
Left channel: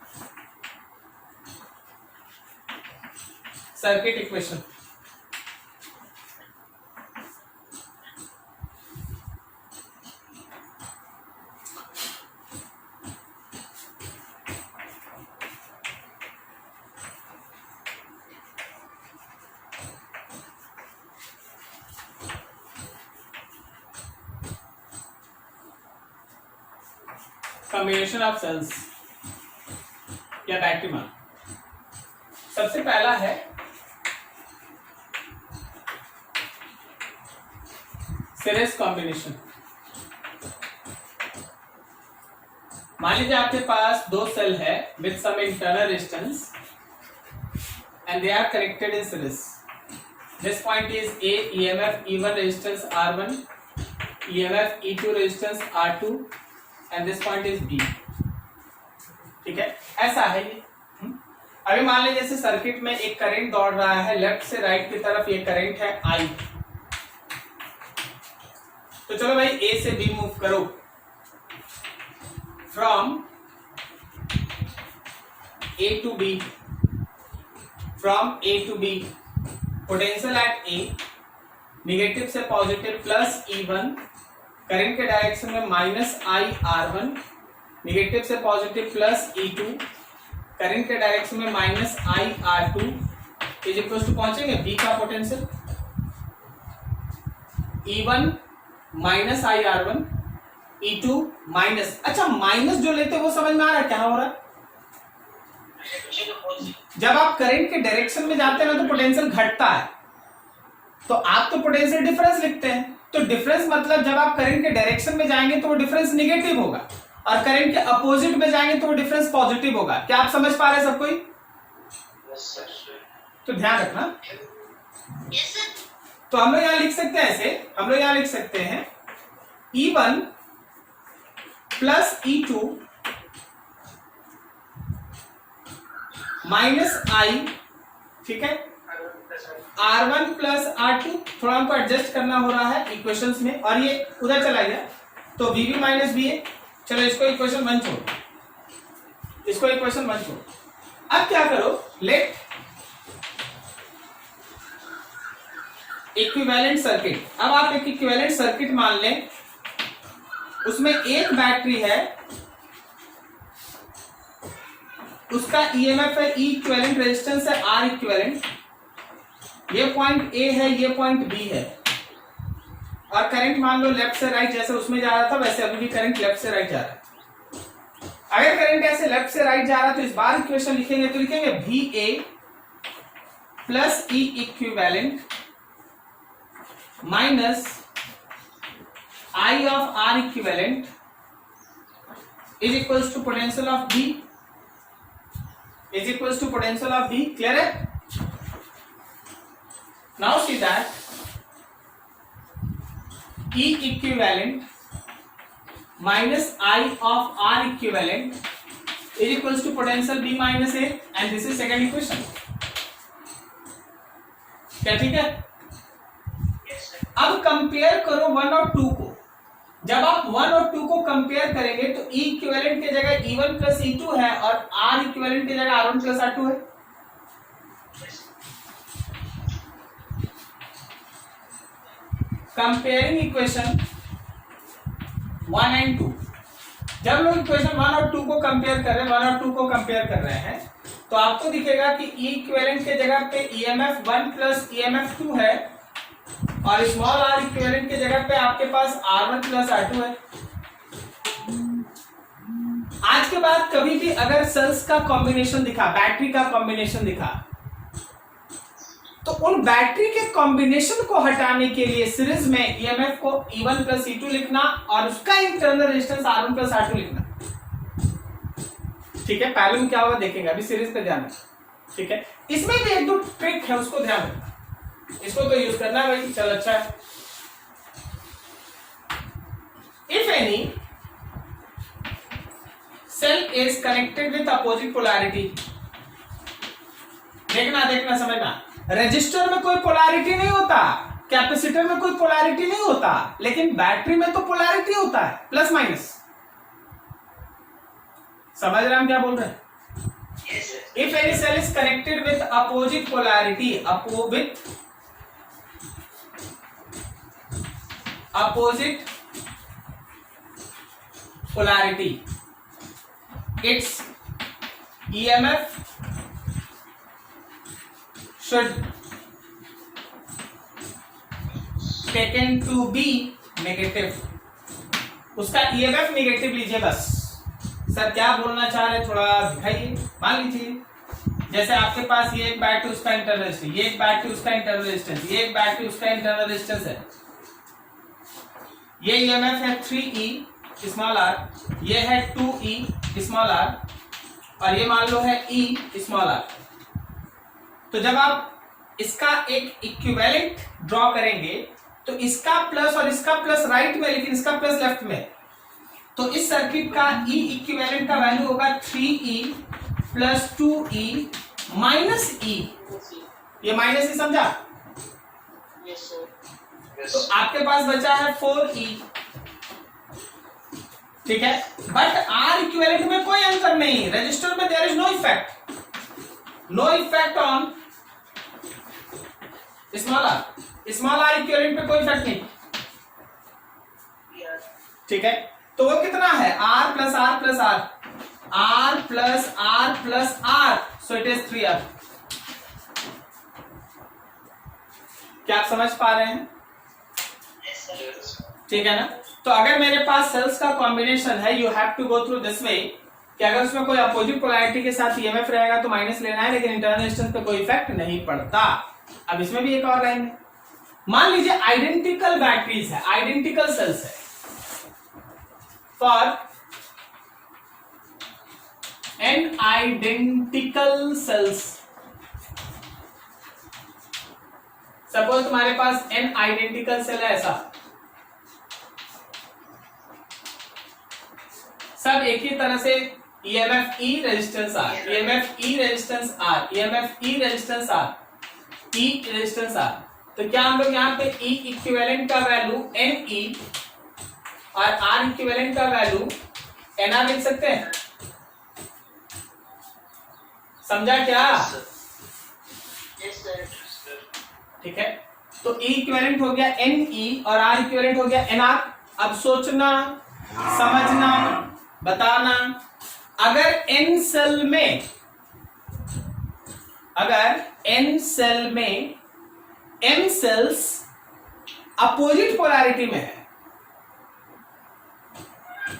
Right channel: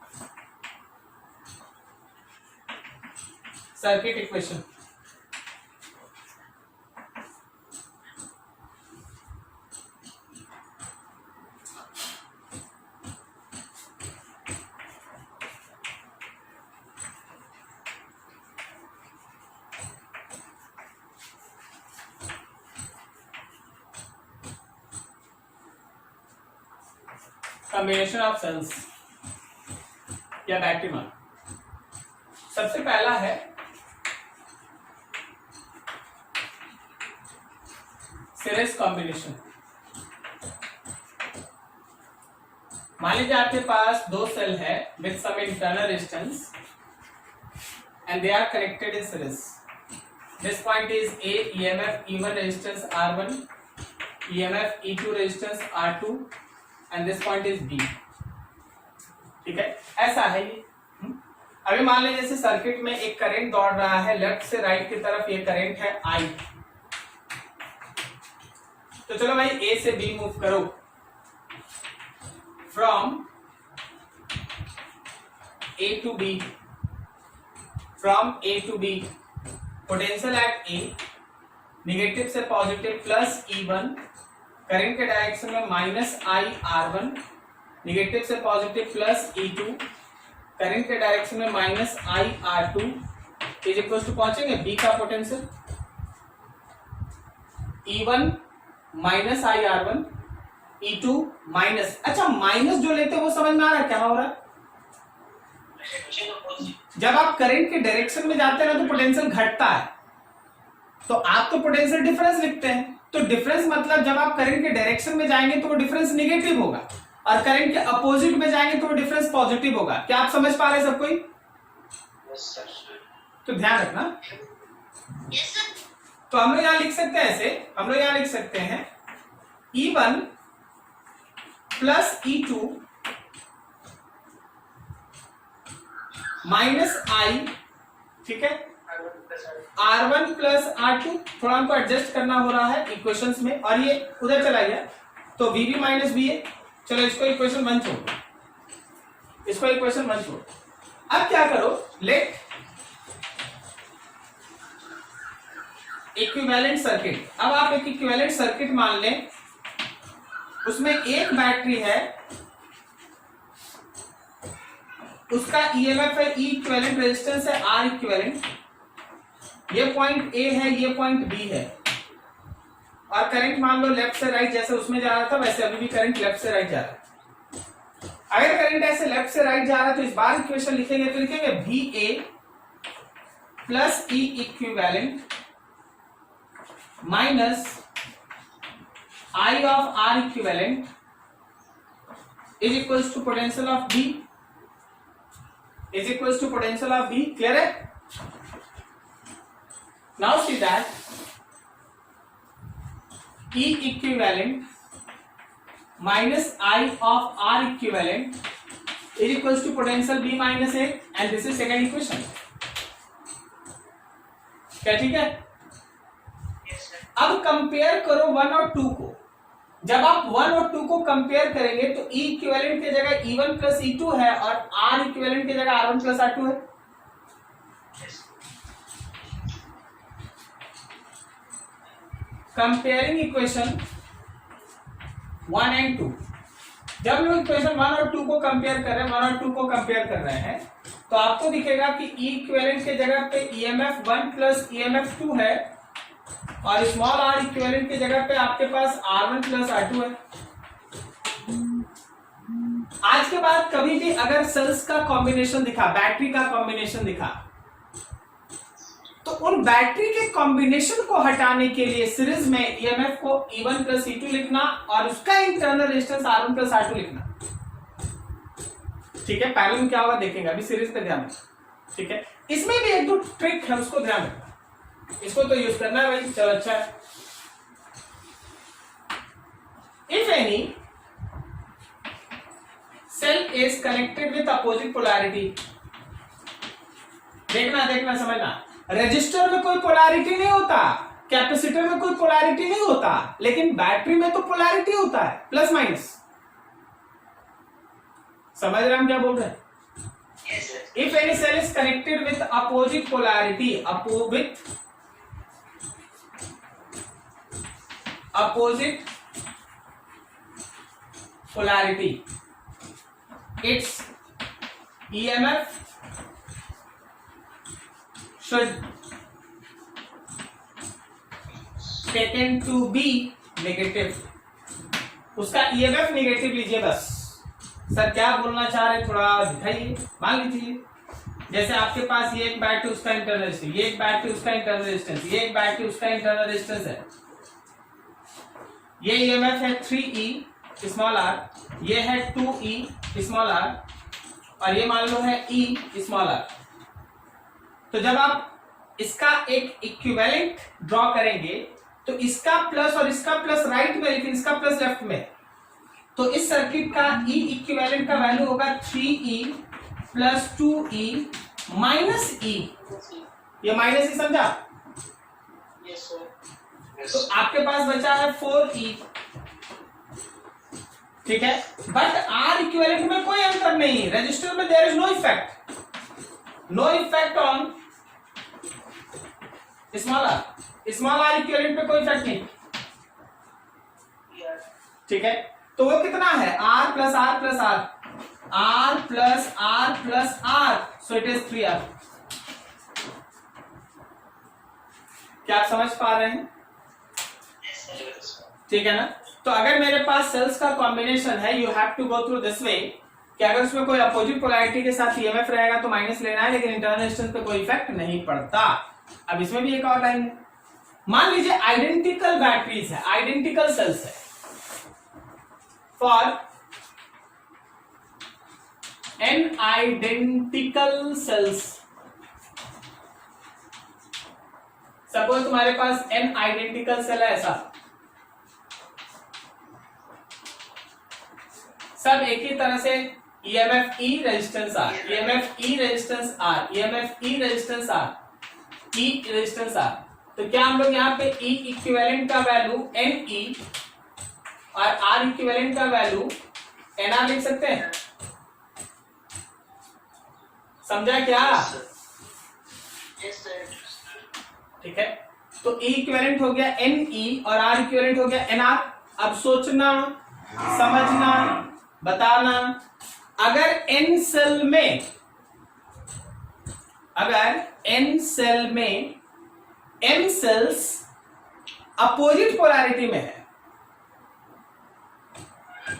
Circuit equation, combination of cells या बैटरी मान। सबसे पहला है सीरीज कॉम्बिनेशन। मान लीजिए आपके पास दो सेल है with some internal resistance and they are connected in series. This point is A, EMF E1 resistance R1, EMF E2 resistance R2 and this point is B, ठीक है। ऐसा है ये। अभी मान लीजिए जैसे सर्किट में एक करंट दौड़ रहा है, लेफ्ट से राइट की तरफ, ये करंट है I। तो चलो भाई A से B मूव करो। From A to B, from A to B, potential at A, negative से पॉजिटिव प्लस E1, करंट के डायरेक्शन में माइनस I R1, निगेटिव से पॉजिटिव प्लस E2, करंट के डायरेक्शन में minus I R2 is equal to पहुंचेंगे B का potential. E1 minus I R1, E2 minus, अच्छा minus जो लेते हैं वो समझ में आ रहा है क्या हो रहा है? जब आप करंट के डायरेक्शन में जाते हैं ना तो पोटेंशियल घटता है, तो आप तो पोटेंशियल डिफरेंस लिखते हैं, तो डिफरेंस मतलब जब आप करंट के डायरेक्शन में जाएंगे तो वो डिफरेंस निगेटिव होगा, और करंट के अपोजिट में जाएंगे तो वो डिफरेंस पॉजिटिव होगा। क्या आप समझ पा रहे हैं सब कोई? तो ध्यान रखना। तो हम लोग यहां लिख सकते हैं ऐसे, हम लोग यहां लिख सकते हैं E1 प्लस E2 माइनस आई, ठीक है, R1 प्लस R2, थोड़ा हमको एडजस्ट करना हो रहा है इक्वेशंस में, और ये उधर चला गया तो VB माइनस VA। चलो इसको इक्वेशन 1 छोड़ो, इसको इक्वेशन 1 छोड़ो। अब क्या करो, लेट इक्विवेलेंट सर्किट, अब आप एक इक्विवेलेंट सर्किट मान लें, उसमें एक बैटरी है, उसका ईएमएफ है ई इक्विवेलेंट, रेजिस्टेंस है आर इक्विवेलेंट, ये पॉइंट ए है, ये पॉइंट बी है, और करंट मान लो लेफ्ट से राइट जैसे उसमें जा रहा था वैसे अभी भी करंट लेफ्ट से राइट जा रहा है। अगर करंट ऐसे लेफ्ट से राइट जा रहा है तो इस बार इक्वेशन लिखेंगे तो लिखेंगे VA plus E equivalent minus I of R equivalent is equals to potential of B, is equals to potential of B। Clear है? Now see that E equivalent minus I of R equivalent is equals to potential B minus A, and this is second equation. क्या ठीक है? अब compare करो 1 और 2 को। जब आप 1 और 2 को कंपेयर करेंगे तो E इक्विवेलेंट की जगह E1 प्लस E2 है और R इक्विवेलेंट की जगह R1 प्लस R2 है। कंपेयरिंग इक्वेशन 1 एंड 2, जब लोग इक्वेशन 1 और 2 को कंपेयर कर रहे हैं, 1 और 2 को कंपेयर कर रहे हैं, तो आपको दिखेगा कि E इक्विवेलेंट के जगह पे EMF 1 प्लस EMF 2 है, और स्मॉल r इक्विवेलेंट की जगह पे आपके पास R1 प्लस R2 है। आज के बाद कभी भी अगर सेल्स का कॉम्बिनेशन दिखा, बैटरी का कॉम्बिनेशन दिखा, तो उन बैटरी के कॉम्बिनेशन को हटाने के लिए सीरीज में ईएमएफ को E1 प्लस E2 लिखना और उसका internal resistance R1 plus R2 लिखना। ठीक है, पहले में क्या होगा देखेंगे, अभी सीरीज पे ध्यान रखना। ठीक है, इसमें भी एक दो ट्रिक है, उसको ध्यान रखना, इसको तो यूज करना है भाई। चलो अच्छा है। If any cell is connected with opposite polarity, देखना देखना समझना, रजिस्टर में कोई पोलैरिटी नहीं होता, कैपेसिटर में कोई पोलैरिटी नहीं होता, लेकिन बैटरी में तो पोलैरिटी होता है, प्लस माइनस। समझ रहे हम क्या बोल रहे हैं? If any cell is connected with opposite polarity, opposite polarity, its EMF should taken to be negative, उसका EMF नेगेटिव लीजिए बस। सर क्या बोलना चाह रहे थोड़ा दिखाइए। मान लीजिए जैसे आपके पास ये एक बैटरी उसका इंटरनल रेजिस्टेंस, ये एक बैटरी उसका इंटरनल रेजिस्टेंस, ये एक बैटरी उसका इंटरनल रेजिस्टेंस है, ये EMF है 3E स्मॉल r, ये है 2E स्मॉल r, और ये मान लो है E स्मॉल r। तो जब आप इसका एक इक्विवेलेंट ड्रॉ करेंगे तो इसका प्लस और इसका प्लस राइट में, लेकिन इसका प्लस लेफ्ट में, तो इस सर्किट का E इक्विवेलेंट का वैल्यू होगा 3E plus 2E minus E। ये माइनस ही समझा? Yes, sir. तो आपके पास बचा है 4E। ठीक है, बट R इक्विवेलेंट में कोई अंतर नहीं, रजिस्टर में there is no effect, no effect on small r equivalent पे कोई इफेक्ट नहीं। ठीक है, तो वो कितना है R plus R plus R, R plus R plus R, so it is 3R। क्या आप समझ पा रहे हैं? ठीक है ना। तो अगर मेरे पास सेल्स का कॉम्बिनेशन है, you have to go through this way कि अगर उसमें कोई अपोजिट पोलैरिटी के साथ ईएमएफ रहेगा तो माइनस लेना है, लेकिन इंटरनल डिस्टेंस पे कोई इफेक्ट नहीं पड़ता। अब इसमें भी एक और लाइन है, मान लीजिए आइडेंटिकल बैटरीज है, आइडेंटिकल सेल्स है, for n identical cells, suppose तुम्हारे पास एन आइडेंटिकल सेल है ऐसा, सब एक ही तरह से EMF E resistance R, EMF E resistance R, EMF E resistance R, E resistance R। तो क्या हम लोग यहाँ पे E इक्विवेलेंट का वैल्यू NE और R इक्विवेलेंट का वैल्यू NR लिख सकते हैं? समझा क्या? Yes sir. ठीक है, तो E इक्विवेलेंट हो गया NE और R इक्विवेलेंट हो गया NR। अब सोचना, समझना, बताना, अगर n सेल में m सेल्स अपोजिट पोलैरिटी में है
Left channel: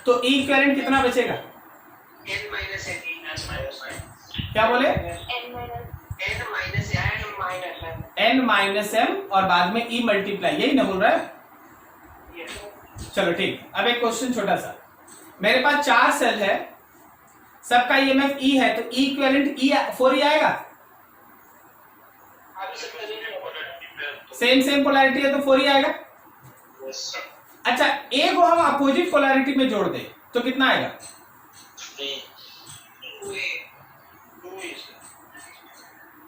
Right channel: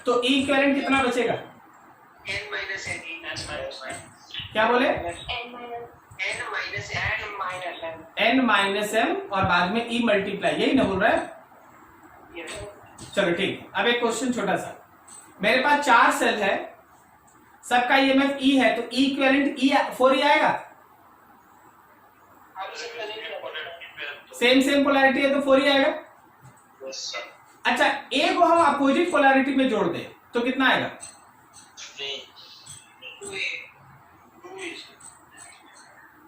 तो E इक्विवेलेंट कितना बचेगा? n minus n, क्या बोले? n माइनस m और बाद में E मल्टीप्लाई, यही ना बोल रहा है? चलो ठीक। अब एक क्वेश्चन छोटा सा, मेरे पास 4 सेल है, सबका EMF E है, तो E इक्विवेलेंट E 4E आएगा। सेम पोलैरिटी है तो 4E आएगा। अच्छा, A को हम अपोजिट पोलैरिटी में जोड़ दें तो कितना आएगा?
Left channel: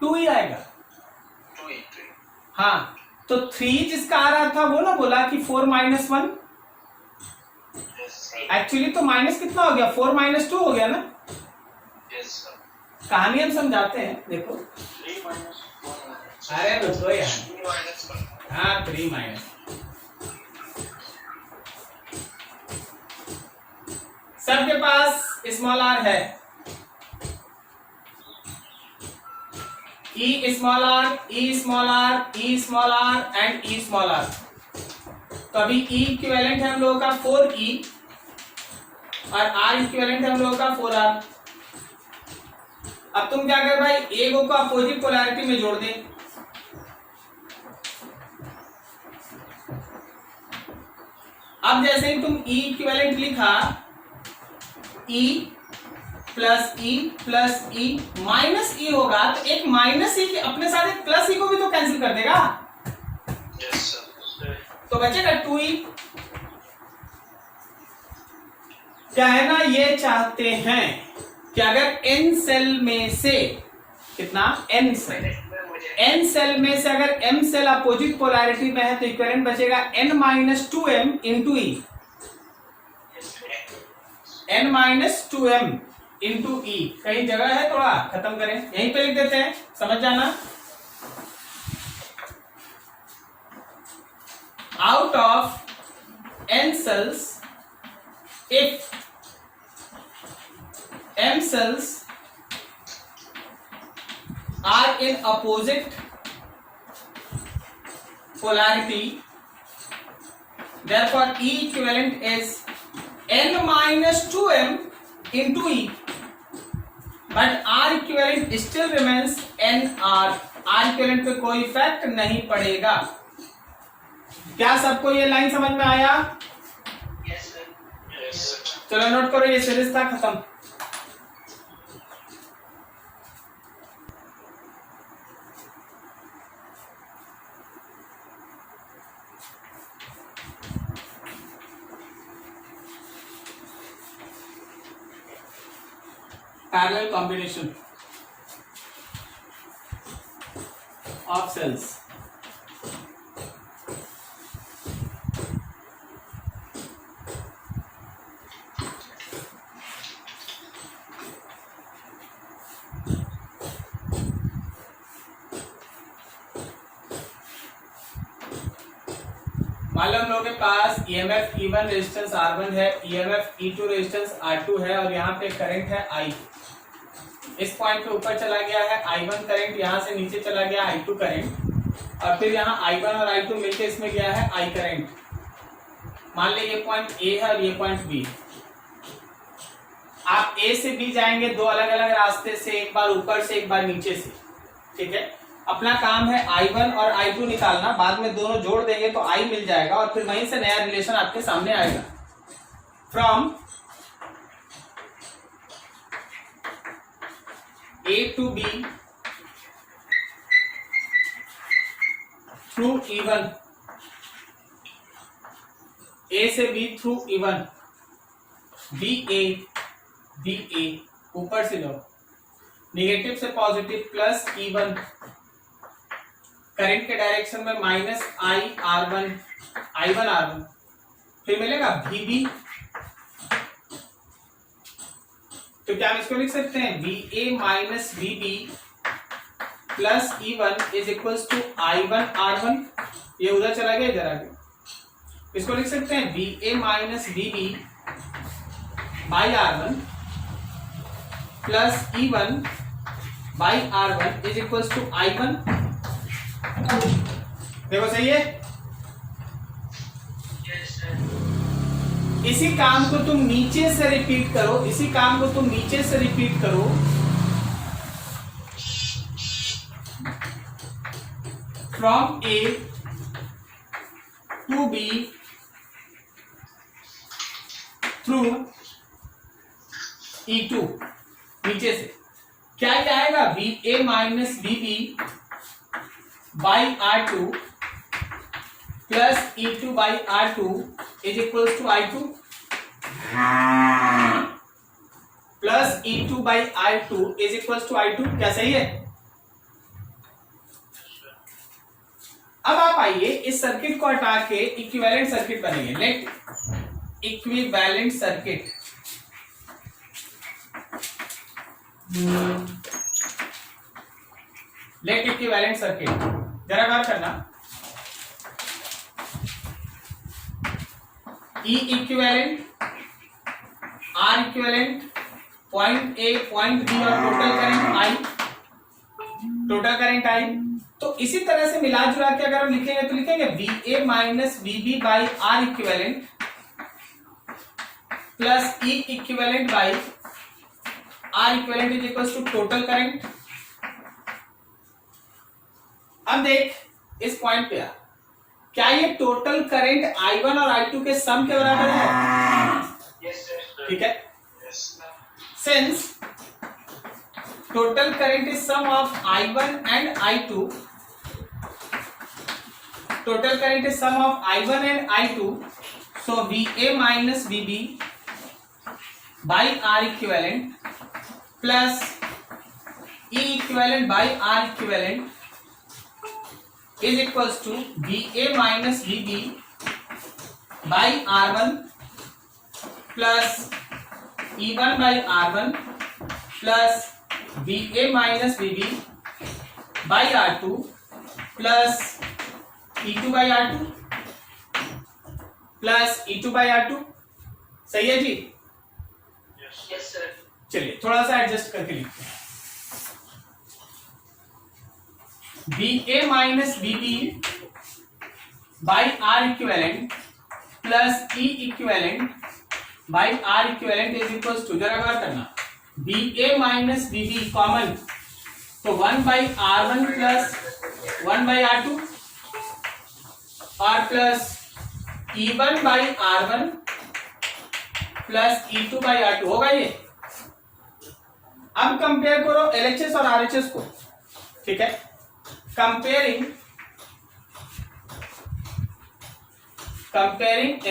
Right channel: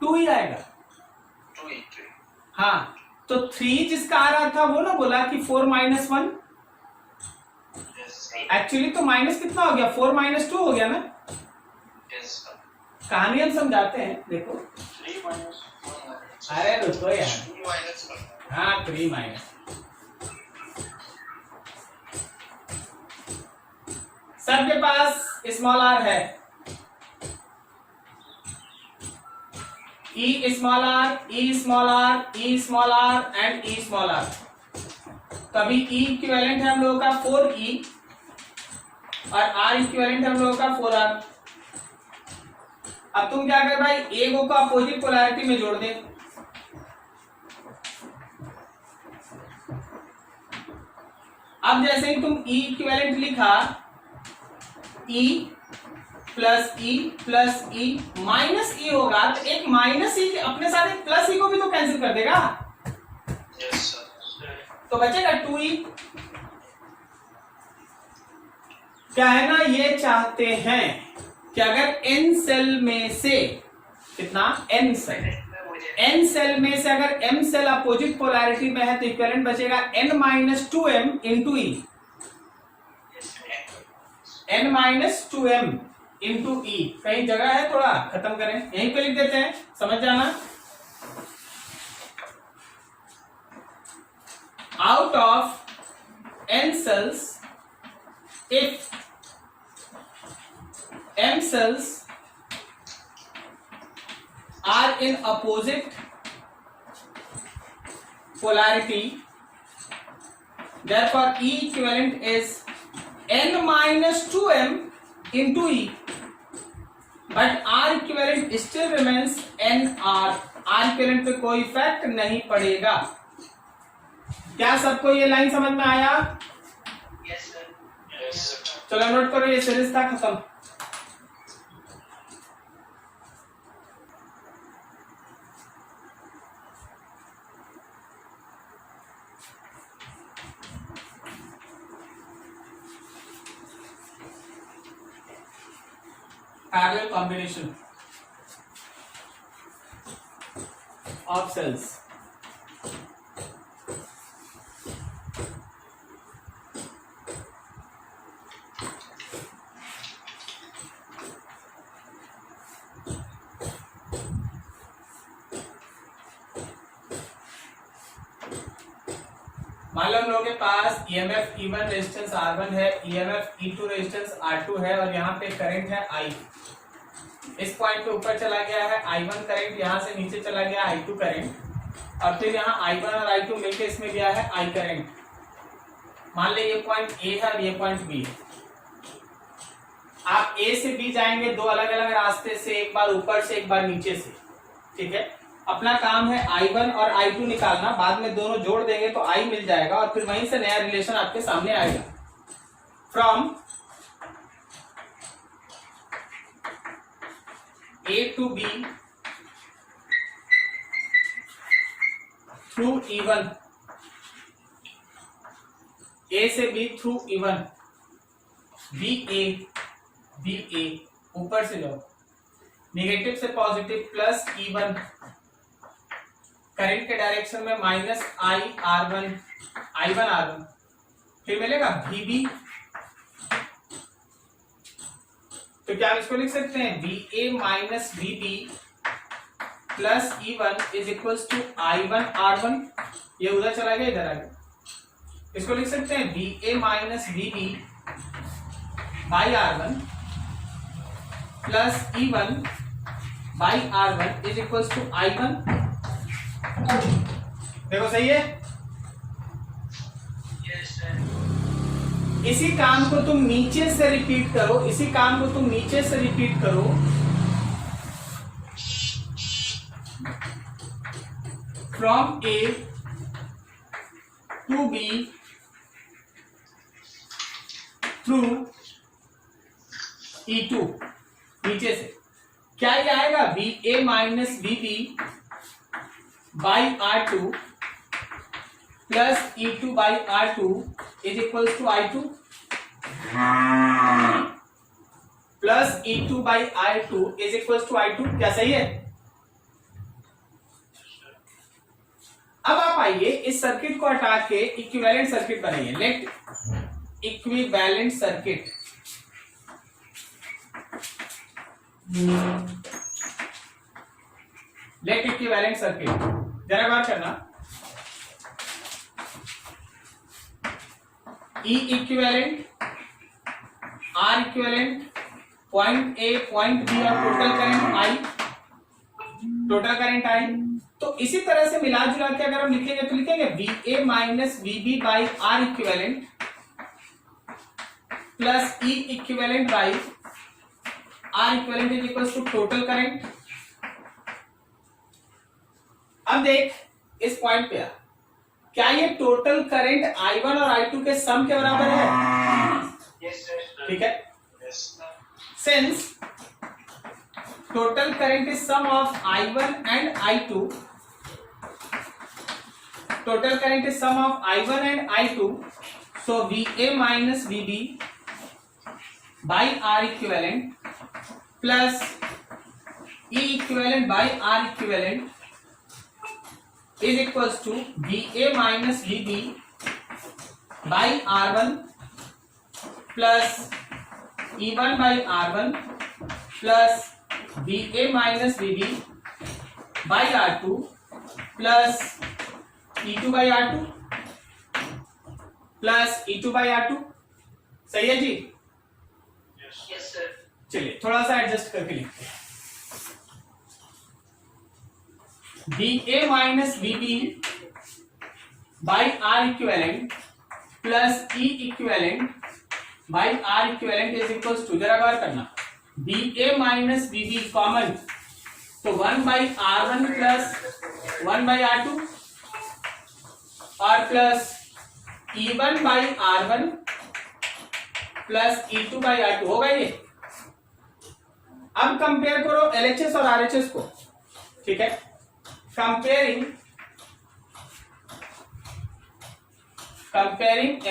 2E आएगा। हाँ, तो 3 जिसका आ रहा था वो ना बोला कि 4 माइनस 1, एक्चुअली तो माइनस कितना हो गया? 4 माइनस 2 हो गया ना। कहानी हम समझाते हैं, देखो। अरे रुको यार, हाँ 3 माइनस, सबके पास स्मॉल r है, E small r, E small r, E small r and E small r। तो अभी E इक्विवेलेंट है हम लोगों का 4E और R इक्विवेलेंट है हम लोगों का 4R। अब तुम क्या कर भाई, A को अपोजिट पोलैरिटी में जोड़ दे। अब जैसे ही तुम E इक्विवेलेंट लिखा, E plus E plus E minus E होगा, तो एक माइनस E अपने साथ एक प्लस E को भी तो कैंसिल कर देगा। तो बचेगा 2E। कहना ये चाहते हैं कि अगर n सेल में से, कितना? n सेल में से अगर m सेल अपोजिट पोलैरिटी में है तो इक्विवेलेंट बचेगा n minus 2m into E, n minus 2m into E। कहीं जगह है, थोड़ा खत्म करें, यहीं पे लिख देते हैं, समझ जाना। Out of n cells, if m cells are in opposite polarity, therefore E equivalent is n minus 2m into E, but R equivalent still remains nR। R equivalent पे कोई इफेक्ट नहीं पड़ेगा। क्या सबको ये लाइन समझ में आया? Yes sir. चलो नोट करो, ये सीरीज था खत्म। parallel combination of cells। मान लो हम लोगों के पास EMF E1 रेजिस्टेंस R1 है, EMF E2 रेजिस्टेंस R2 है और यहाँ पे करंट है I। इस पॉइंट पे ऊपर चला गया है I1 करंट, यहाँ से नीचे चला गया I2 करंट, और फिर यहाँ I1 और I2 मिलकर इसमें गया है I करंट। मान लीजिए ये पॉइंट ए है और ये पॉइंट बी है। आप ए से बी जाएंगे दो अलग अलग रास्ते से, एक बार ऊपर से एक बार नीचे से, ठीक है। अपना काम है I1 और I2 निकालना, बाद में दोनों जोड़ देंगे तो I मिल जाएगा और फिर वहीं से नया रिलेशन आपके सामने आएगा। From A to B through E1, A से B थ्रू E1, BA ऊपर से जाओ, नेगेटिव से पॉजिटिव प्लस E1, करंट के डायरेक्शन में माइनस I1 R1, फिर मिलेगा VB। तो क्या हम इसको लिख सकते हैं VA minus VB plus E1 is equal to I1 R1। ये उधर चला गया, इधर आ गया। इसको लिख सकते हैं VA minus VB by R1 plus E1 by R1 is equal to I1। देखो सही है। Yes sir. इसी काम को तुम नीचे से रिपीट करो, इसी काम को तुम नीचे से रिपीट करो। From A to B through E2, नीचे से क्या ये आएगा VA minus VB by R2 plus E2 by R2 is equal to I2 plus E2 by I2 is equal to I2। क्या सही है? अब आप आइए इस सर्किट को हटा के इक्विवेलेंट सर्किट बनाइए। Let equivalent circuit, let equivalent circuit, जरा गौर करना। E equivalent, R equivalent, point A point B और total current I, total current I। तो इसी तरह से मिला जुला के अगर हम लिखेंगे तो लिखेंगे VA minus VB by R equivalent plus E equivalent by R equivalent is equal to total current. अब देख इस पॉइंट पे क्या ये टोटल करंट I1 और I2 के सम के बराबर है? Yes sir. ठीक है। Yes sir. Since total current is sum of I1 and I2, total current is sum of I1 and I2, so VA minus VB by R equivalent plus E equivalent by R equivalent is equals to VA minus VB by R1 plus E1 by R1 plus VA minus VB by R2 plus E2 by R2 plus E2 by R2। सही है जी? Yes sir. चलिए थोड़ा सा adjust करके लिखते हैं। VA minus VB by R equivalent plus E equivalent by R equivalent is equals to, जरा गौर करना, VA माइनस VB कॉमन, तो 1 by R1 plus 1 by R2 और plus E1 by R1 plus E2 by R2 होगा ये। अब compare करो LHS और RHS को, ठीक है। Comparing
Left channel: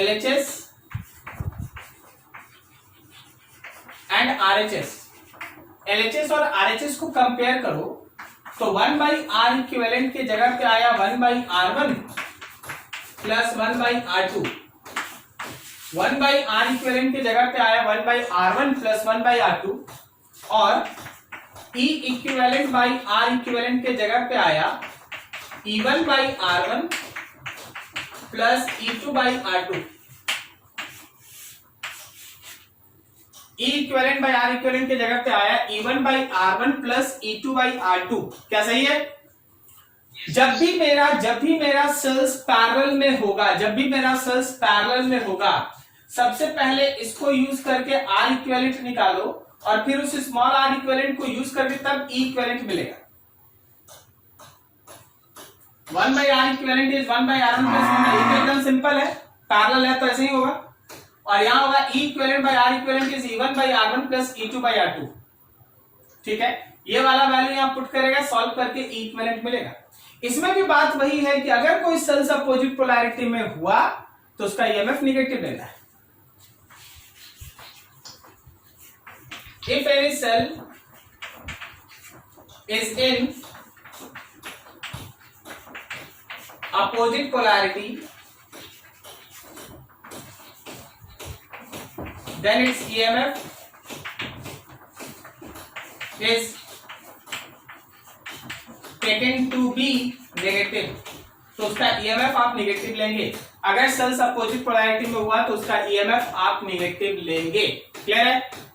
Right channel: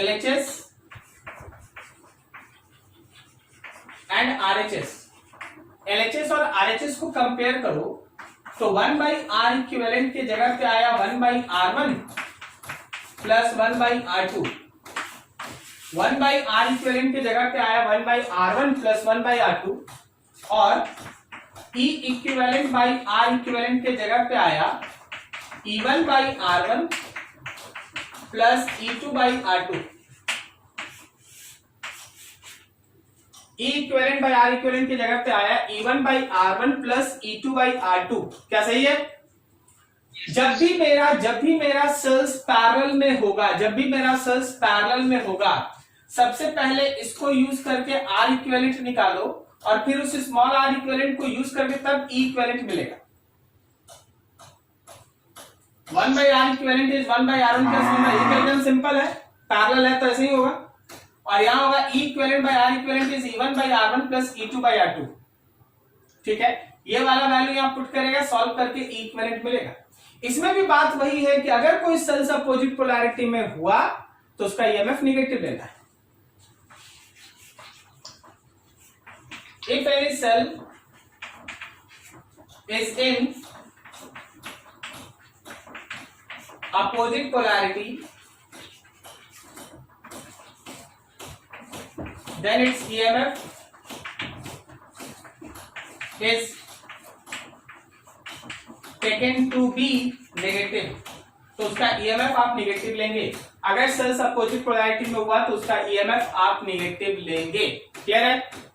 LHS and RHS, LHS और RHS को कंपेयर करो तो 1 by R इक्विवेलेंट की जगह पे आया 1 by R1 plus 1 by R2, 1 by R equivalent की जगह पे आया 1 by R1 plus 1 by R2 और E equivalent by R equivalent के जगह पे आया E1 by R1 plus E2 by R2। E equivalent by R equivalent के जगह पे आया E1 by R1 plus E2 by R2। क्या सही है? जब भी मेरा सेल्स पैरेलल में होगा, सबसे पहले इसको यूज करके आर इक्विवेलेंट निकालो और फिर उस स्मॉल आर इक्विवेलेंट को यूज करके तब ई इक्विवेलेंट मिलेगा। 1/r equivalent is 1/r1 plus 1, ये एकदम सिंपल है, पैरेलल है तो ऐसे ही होगा। और यहां होगा E equivalent by R equivalent is E1/r1 plus E2/r2। ठीक है, ये वाला वैल्यू यहां पुट करेगा, सॉल्व करके E इक्विवेलेंट मिलेगा। इसमें भी बात वही है कि अगर कोई सेल्स अपोजिट पोलैरिटी में हुआ तो उसका ईएमएफ नेगेटिव लेना है। If any cell is in opposite polarity, then its EMF is taken to be negative, तो उसका EMF आप नेगेटिव लेंगे। अगर सेल्स अपोजिट पोलैरिटी में हुआ तो उसका EMF आप नेगेटिव लेंगे। क्लियर है?